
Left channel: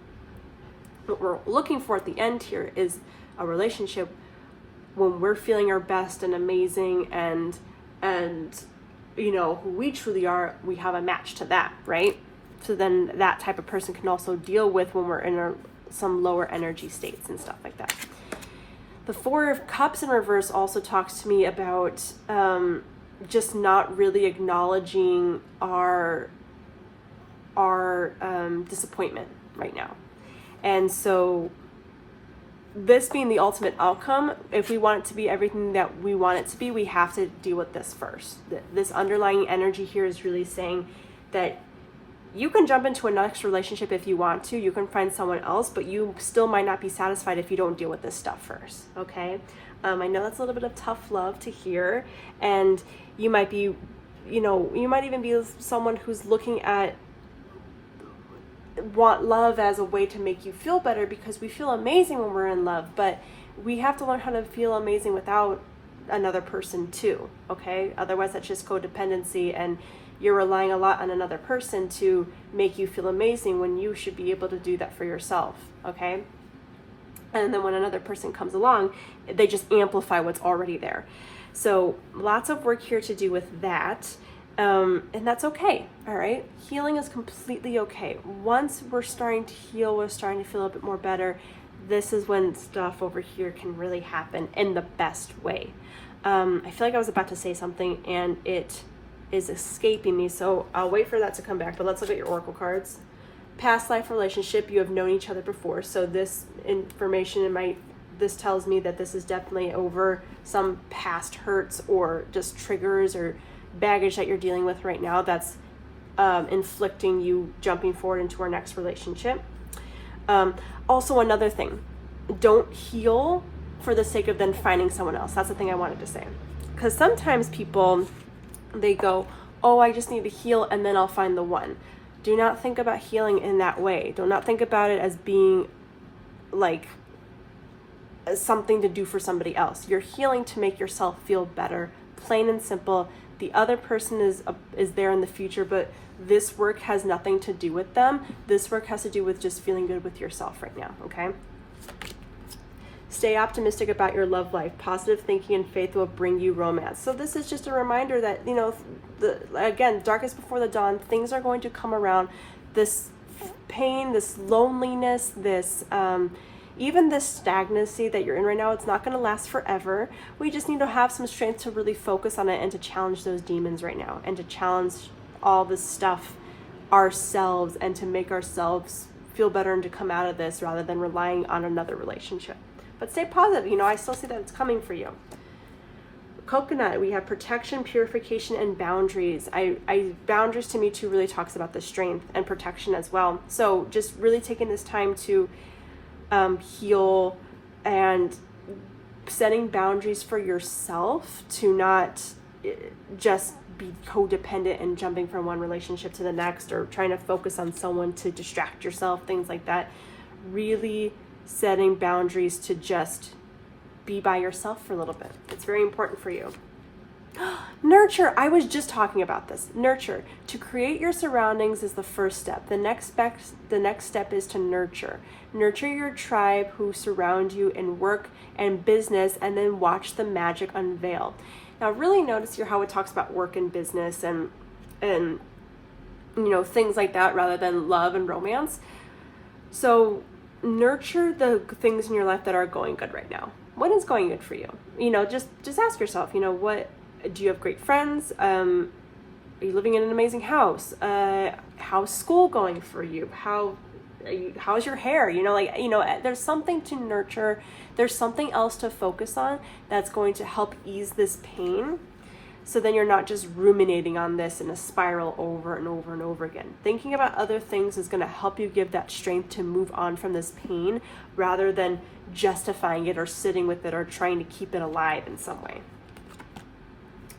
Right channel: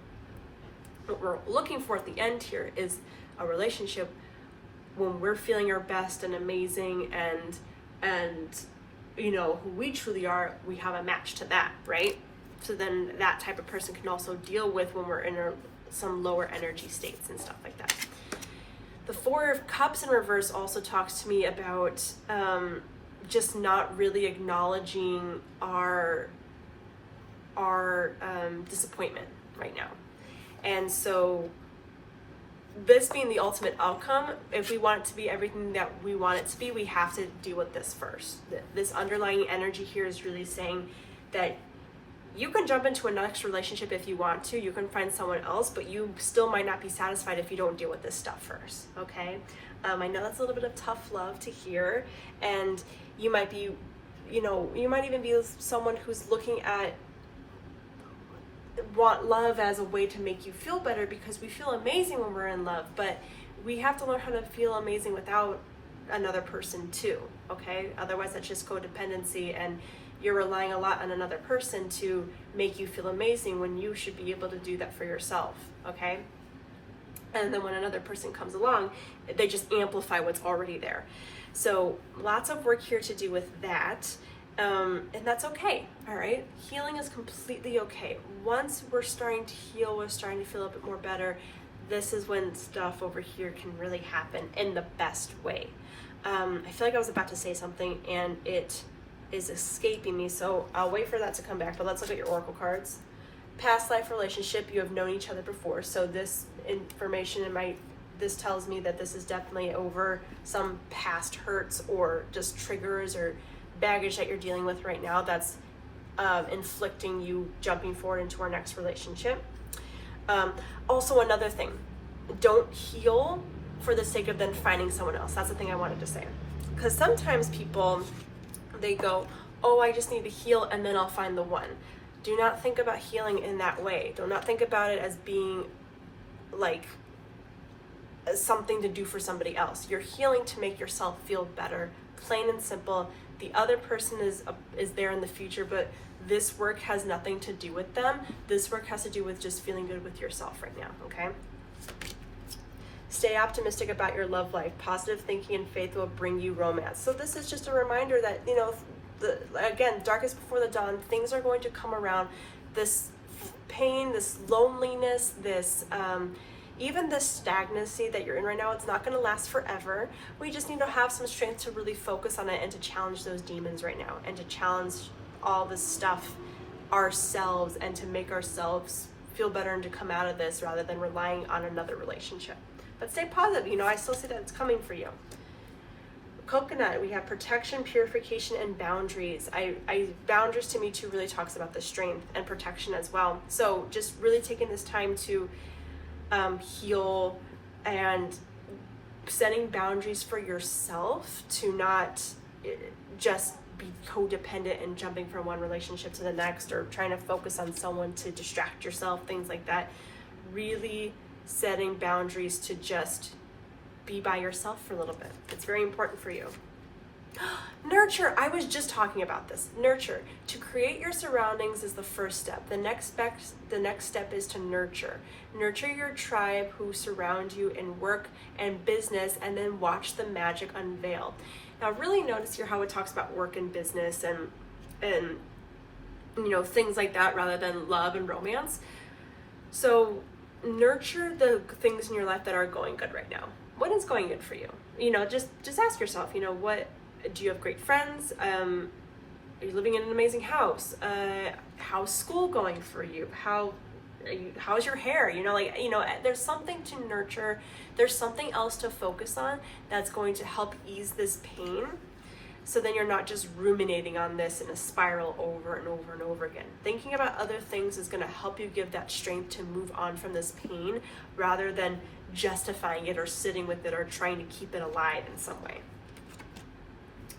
what we're looking for at the end here is a relationship when we're feeling our best and amazing, and who we truly are, we have a match to that, right? So then that type of person can also deal with when we're in some lower energy states and stuff like that. The Four of Cups in reverse also talks to me about just not really acknowledging our disappointment right now. And so this being the ultimate outcome, if we want it to be everything that we want it to be, we have to deal with this first. This underlying energy here is really saying that you can jump into a next relationship if you want to. You can find someone else, but you still might not be satisfied if you don't deal with this stuff first, okay? I know that's a little bit of tough love to hear, and you might be, you might even be someone who's looking at want love as a way to make you feel better, because we feel amazing when we're in love, but we have to learn how to feel amazing without another person too, okay? Otherwise that's just codependency, and you're relying a lot on another person to make you feel amazing when you should be able to do that for yourself, okay? And then when another person comes along, they just amplify what's already there. So lots of work here to do with that. And that's okay, all right? Healing is completely okay. Once we're starting to heal, we're starting to feel a bit more better, this is when stuff over here can really happen in the best way. I feel like I was about to say something and it is escaping me, so I'll wait for that to come back, but let's look at your oracle cards. Past life relationship, you have known each other before, so this information this tells me that this is definitely over some past hurts or just triggers or baggage that you're dealing with right now that's inflicting you jumping forward into our next relationship. Also, another thing, don't heal for the sake of then finding someone else. That's the thing I wanted to say, because sometimes people, they go, oh, I just need to heal and then I'll find the one. Do not think about healing in that way. Do not think about it as being like something to do for somebody else. You're healing to make yourself feel better, plain and simple. The other person is there in the future, but this work has nothing to do with them. This work has to do with just feeling good with yourself right now, okay? Stay optimistic about your love life. Positive thinking and faith will bring you romance. So this is just a reminder that, again, darkest before the dawn, things are going to come around. This pain, this loneliness, this even this stagnancy that you're in right now, it's not going to last forever. We just need to have some strength to really focus on it and to challenge those demons right now, and to challenge all this stuff ourselves, and to make ourselves feel better and to come out of this rather than relying on another relationship. But stay positive. You know, I still see that it's coming for you. Coconut, we have protection, purification, and boundaries. Boundaries to me too really talks about the strength and protection as well. So just really taking this time to heal and setting boundaries for yourself to not just be codependent and jumping from one relationship to the next, or trying to focus on someone to distract yourself, things like that. Really setting boundaries to just be by yourself for a little bit. It's very important for you. Nurture. I was just talking about this. Nurture. To create your surroundings is the first step. The next step is to nurture. Nurture your tribe who surround you in work and business, and then watch the magic unveil. Now, really notice here how it talks about work and business and you know, things like that rather than love and romance. So nurture the things in your life that are going good right now. What is going good for you? You know, just ask yourself, you know, what do you have? Great friends? Are you living in an amazing house? How's school going for you? How's your hair? You know, like, you know, there's something to nurture. There's something else to focus on that's going to help ease this pain. So then you're not just ruminating on this in a spiral over and over and over again. Thinking about other things is going to help you give that strength to move on from this pain rather than justifying it or sitting with it or trying to keep it alive in some way.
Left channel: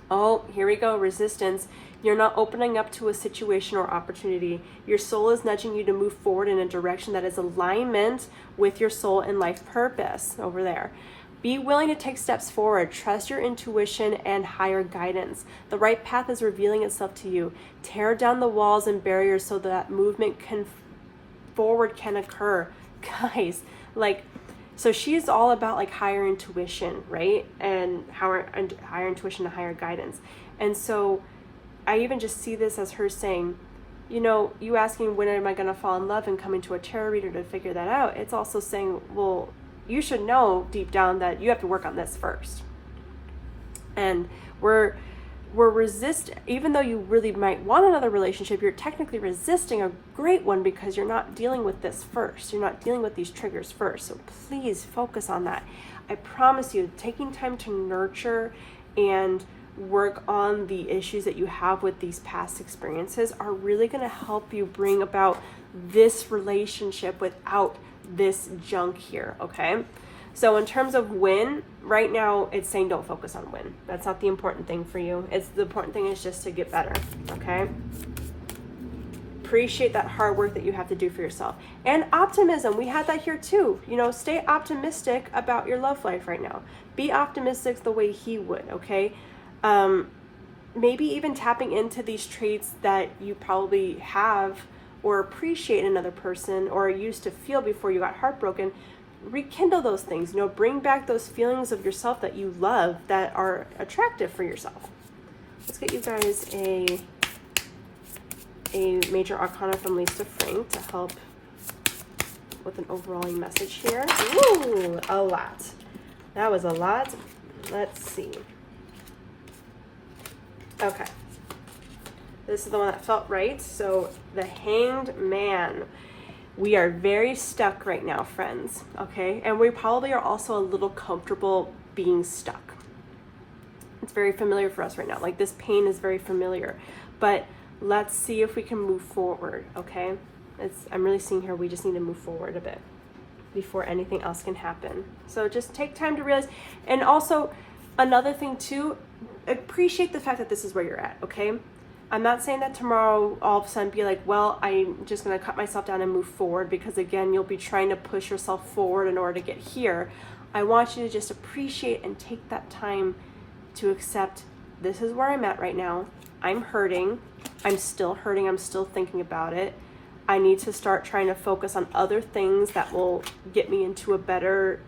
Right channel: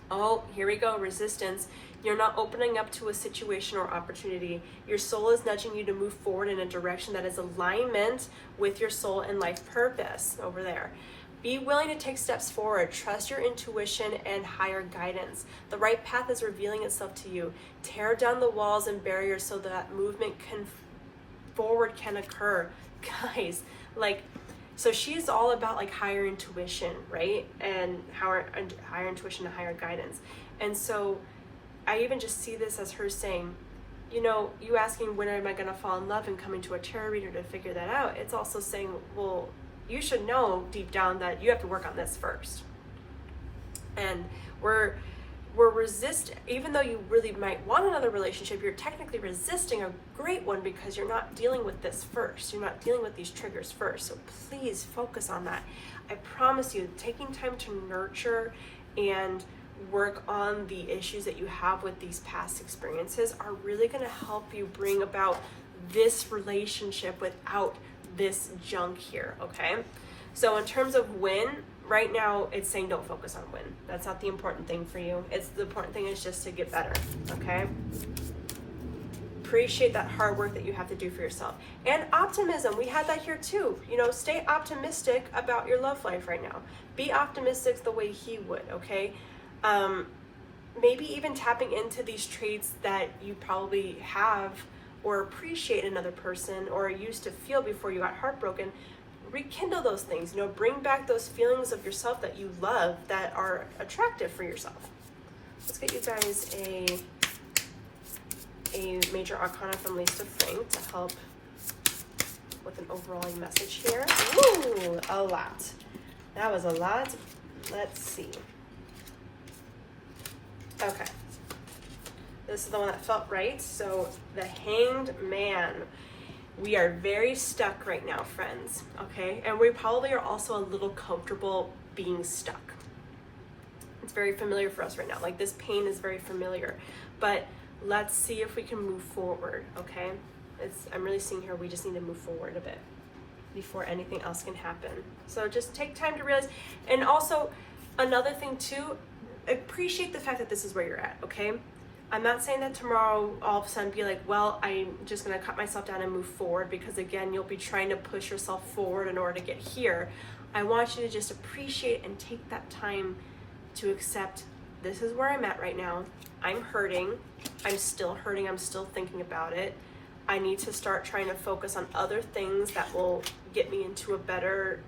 Oh, here we go. Resistance. You're not opening up to a situation or opportunity. Your soul is nudging you to move forward in a direction that is alignment with your soul and life purpose over there. Be willing to take steps forward. Trust your intuition and higher guidance. The right path is revealing itself to you. Tear down the walls and barriers so that movement forward can occur. Guys, like, so she's all about like higher intuition, right? And higher intuition and higher guidance. And so I even just see this as her saying, you know, you asking when am I going to fall in love and coming to a tarot reader to figure that out. It's also saying, well, you should know deep down that you have to work on this first. And we're even though you really might want another relationship, you're technically resisting a great one because you're not dealing with this first. You're not dealing with these triggers first. So please focus on that. I promise you, taking time to nurture and work on the issues that you have with these past experiences are really going to help you bring about this relationship without this junk here, okay? So in terms of win, right now it's saying don't focus on win. That's not the important thing for you. The important thing is just to get better, okay? Appreciate that hard work that you have to do for yourself. And optimism, we had that here too. You know, stay optimistic about your love life right now. Be optimistic the way he would, okay? Maybe even tapping into these traits that you probably have or appreciate in another person or used to feel before you got heartbroken. Rekindle those things, you know, bring back those feelings of yourself that you love that are attractive for yourself. Let's get you guys a major arcana from Lisa Frank to help with an overall message here. Ooh, a lot. That was a lot. Let's see. Okay. This is the one that felt right. So the Hanged Man. We are very stuck right now, friends, okay? And we probably are also a little comfortable being stuck. It's very familiar for us right now. Like, this pain is very familiar. But let's see if we can move forward, okay? I'm really seeing here we just need to move forward a bit before anything else can happen. So just take time to realize. And also, another thing too, appreciate the fact that this is where you're at, okay? I'm not saying that tomorrow all of a sudden be like, well, I'm just going to cut myself down and move forward, because again, you'll be trying to push yourself forward in order to get here. I want you to just appreciate and take that time to accept this is where I'm at right now. I'm hurting. I'm still hurting. I'm still thinking about it. I need to start trying to focus on other things that will get me into a better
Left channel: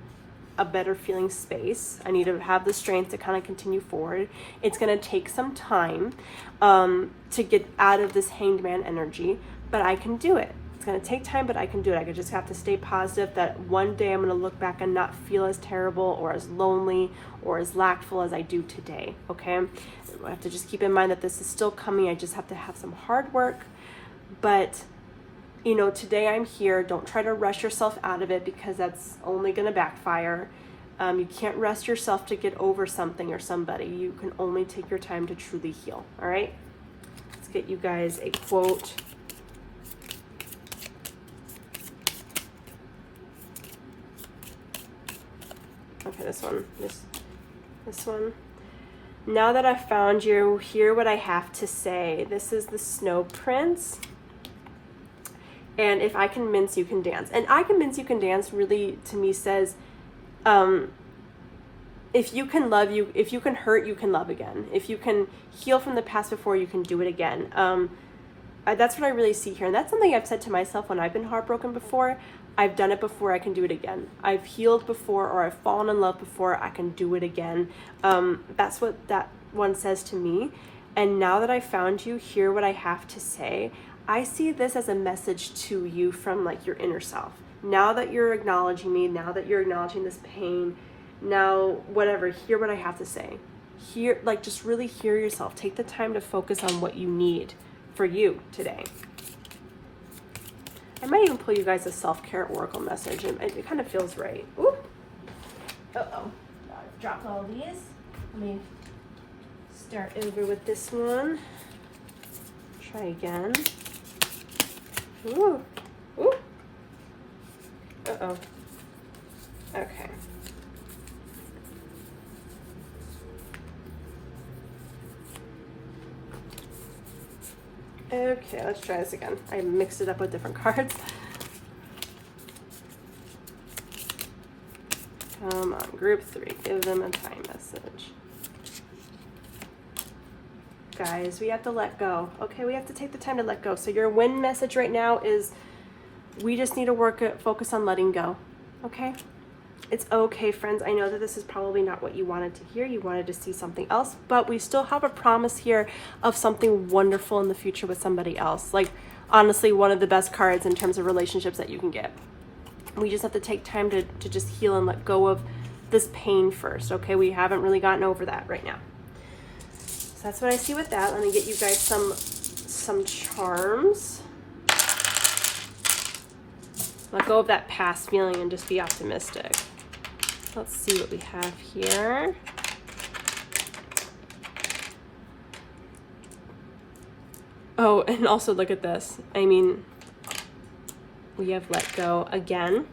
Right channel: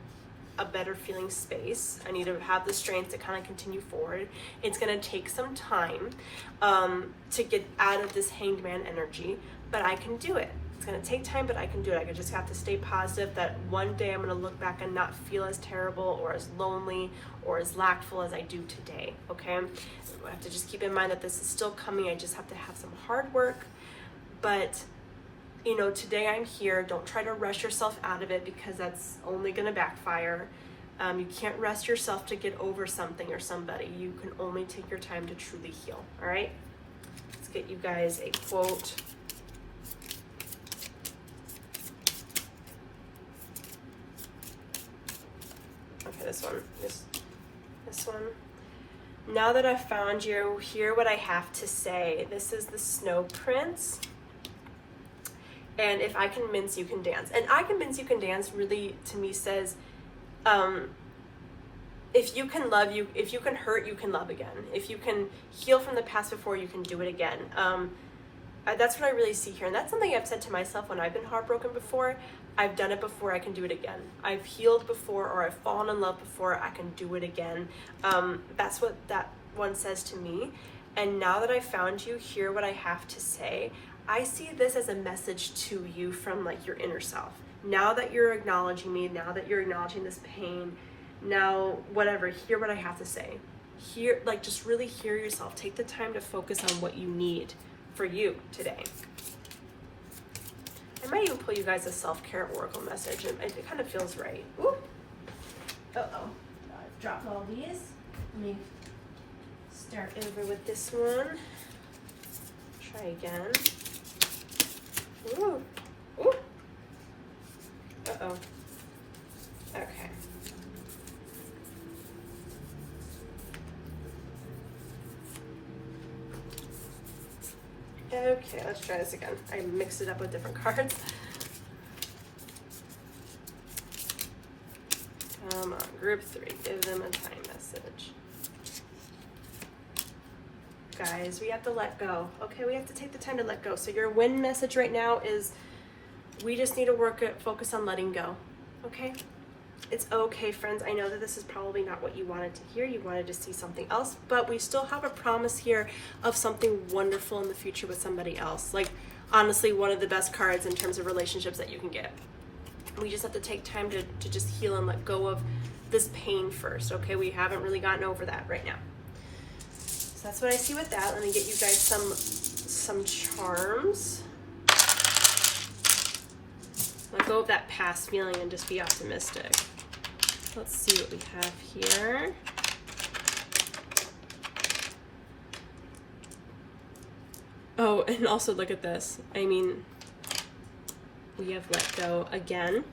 feeling space. I need to have the strength to kind of continue forward. It's going to take some time to get out of this Hanged Man energy, but I can do it. It's going to take time, but I can do it. I just have to stay positive that one day I'm going to look back and not feel as terrible or as lonely or as lackful as I do today, okay? I have to just keep in mind that this is still coming. I just have to have some hard work, but you know, today I'm here. Don't try to rush yourself out of it, because that's only going to backfire. You can't rush yourself to get over something or somebody. You can only take your time to truly heal. All right? Let's get you guys a quote. Okay, this one. This one. Now that I've found you, hear what I have to say. This is the Snow Prince. And if I can mince, you can dance. And I can mince, you can dance really, to me, says, if you can love, if you can hurt, you can love again. If you can heal from the past before, you can do it again. That's what I really see here. And that's something I've said to myself when I've been heartbroken before. I've done it before, I can do it again. I've healed before, or I've fallen in love before, I can do it again. That's what that one says to me. And now that I found you, hear what I have to say. I see this as a message to you from like your inner self. Now that you're acknowledging me, now that you're acknowledging this pain, now whatever, hear what I have to say. Hear, like, just really hear yourself. Take the time to focus on what you need for you today. I might even pull you guys a self-care oracle message. It kind of feels right. Ooh. Uh-oh. Dropped all these. Let me start over with this one. Try again. Ooh. Ooh. Uh-oh. Okay. Okay, let's try this again. I mixed it up with different cards. Come on, group 3. Give them a time message. Guys, we have to let go. Okay, we have to take the time to let go. So your win message right now is we just need to focus on letting go. Okay? It's okay, friends. I know that this is probably not what you wanted to hear. You wanted to see something else, but we still have a promise here of something wonderful in the future with somebody else. Like, honestly, one of the best cards in terms of relationships that you can get. We just have to take time to just heal and let go of this pain first, okay? We haven't really gotten over that right now. So that's what I see with that. Let me get you guys some charms. Let go of that past feeling and just be optimistic. Let's see what we have here. Oh, and also look at this. I mean, we have let go again.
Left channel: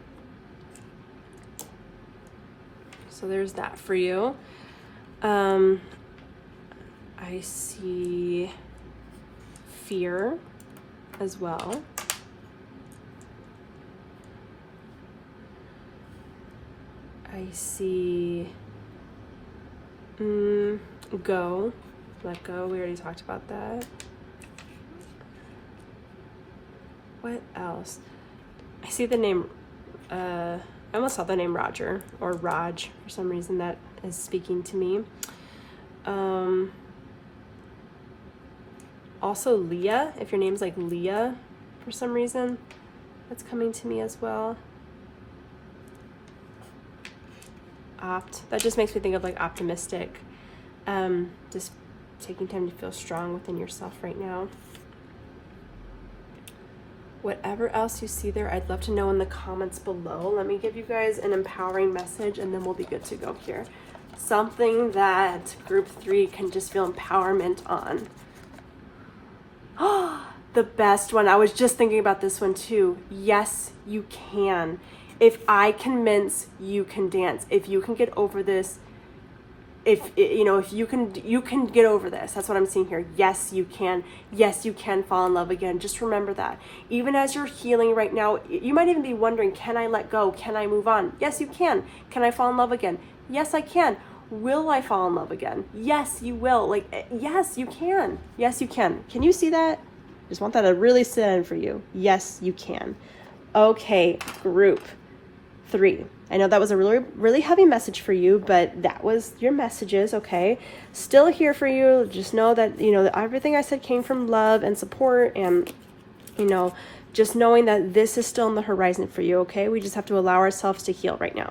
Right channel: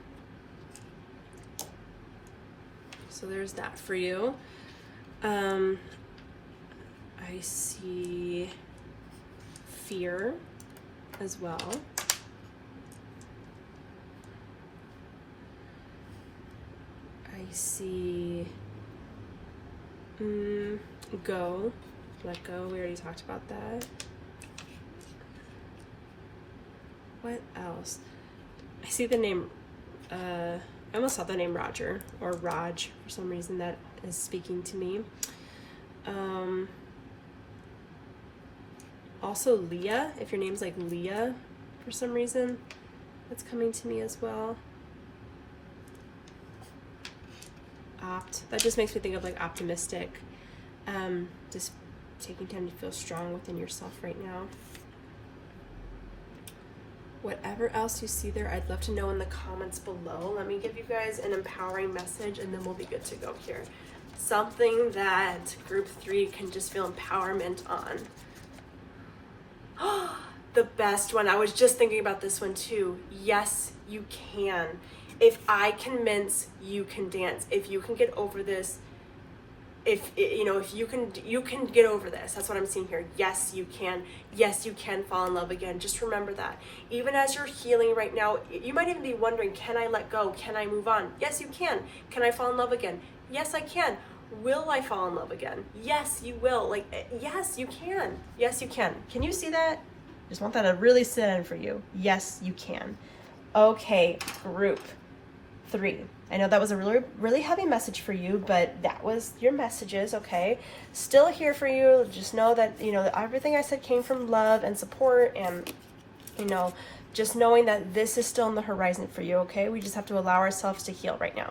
So there's that for you. I see fear as well. I see go, let go. We already talked about that. What else? I see the name, I almost saw the name Roger or Raj for some reason. That is speaking to me. Also Leah, if your name's like Leah for some reason, that's coming to me as well. That just makes me think of like optimistic, just taking time to feel strong within yourself right now. Whatever else you see there, I'd love to know in the comments below. Let me give you guys an empowering message and then we'll be good to go here. Something that group 3 can just feel empowerment on. Oh, the best one. I was just thinking about this one too. Yes, you can. If I can mince, you can dance. If you can get over this, if you can get over this. That's what I'm seeing here. Yes, you can. Yes, you can fall in love again. Just remember that. Even as you're healing right now, you might even be wondering, can I let go? Can I move on? Yes, you can. Can I fall in love again? Yes, I can. Will I fall in love again? Yes, you will. Like, yes, you can. Yes, you can. Can you see that? Just want that to really sit in for you. Yes, you can. Okay, group 3. I know that was a really, really heavy message for you, but that was your messages, okay? Still here for you. Just know that, everything I said came from love and support and, just knowing that this is still on the horizon for you, okay? We just have to allow ourselves to heal right now.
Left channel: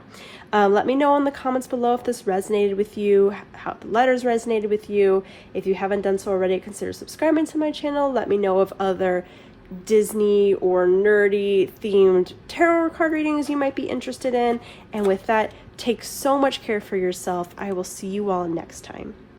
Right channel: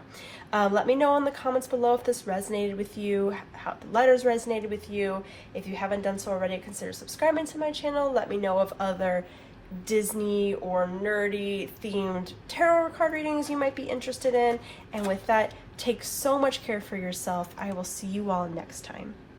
Let me know in the comments below if this resonated with you, how the letters resonated with you. If you haven't done so already, consider subscribing to my channel. Let me know of other Disney or nerdy themed tarot card readings you might be interested in. And with that, take so much care for yourself. I will see you all next time.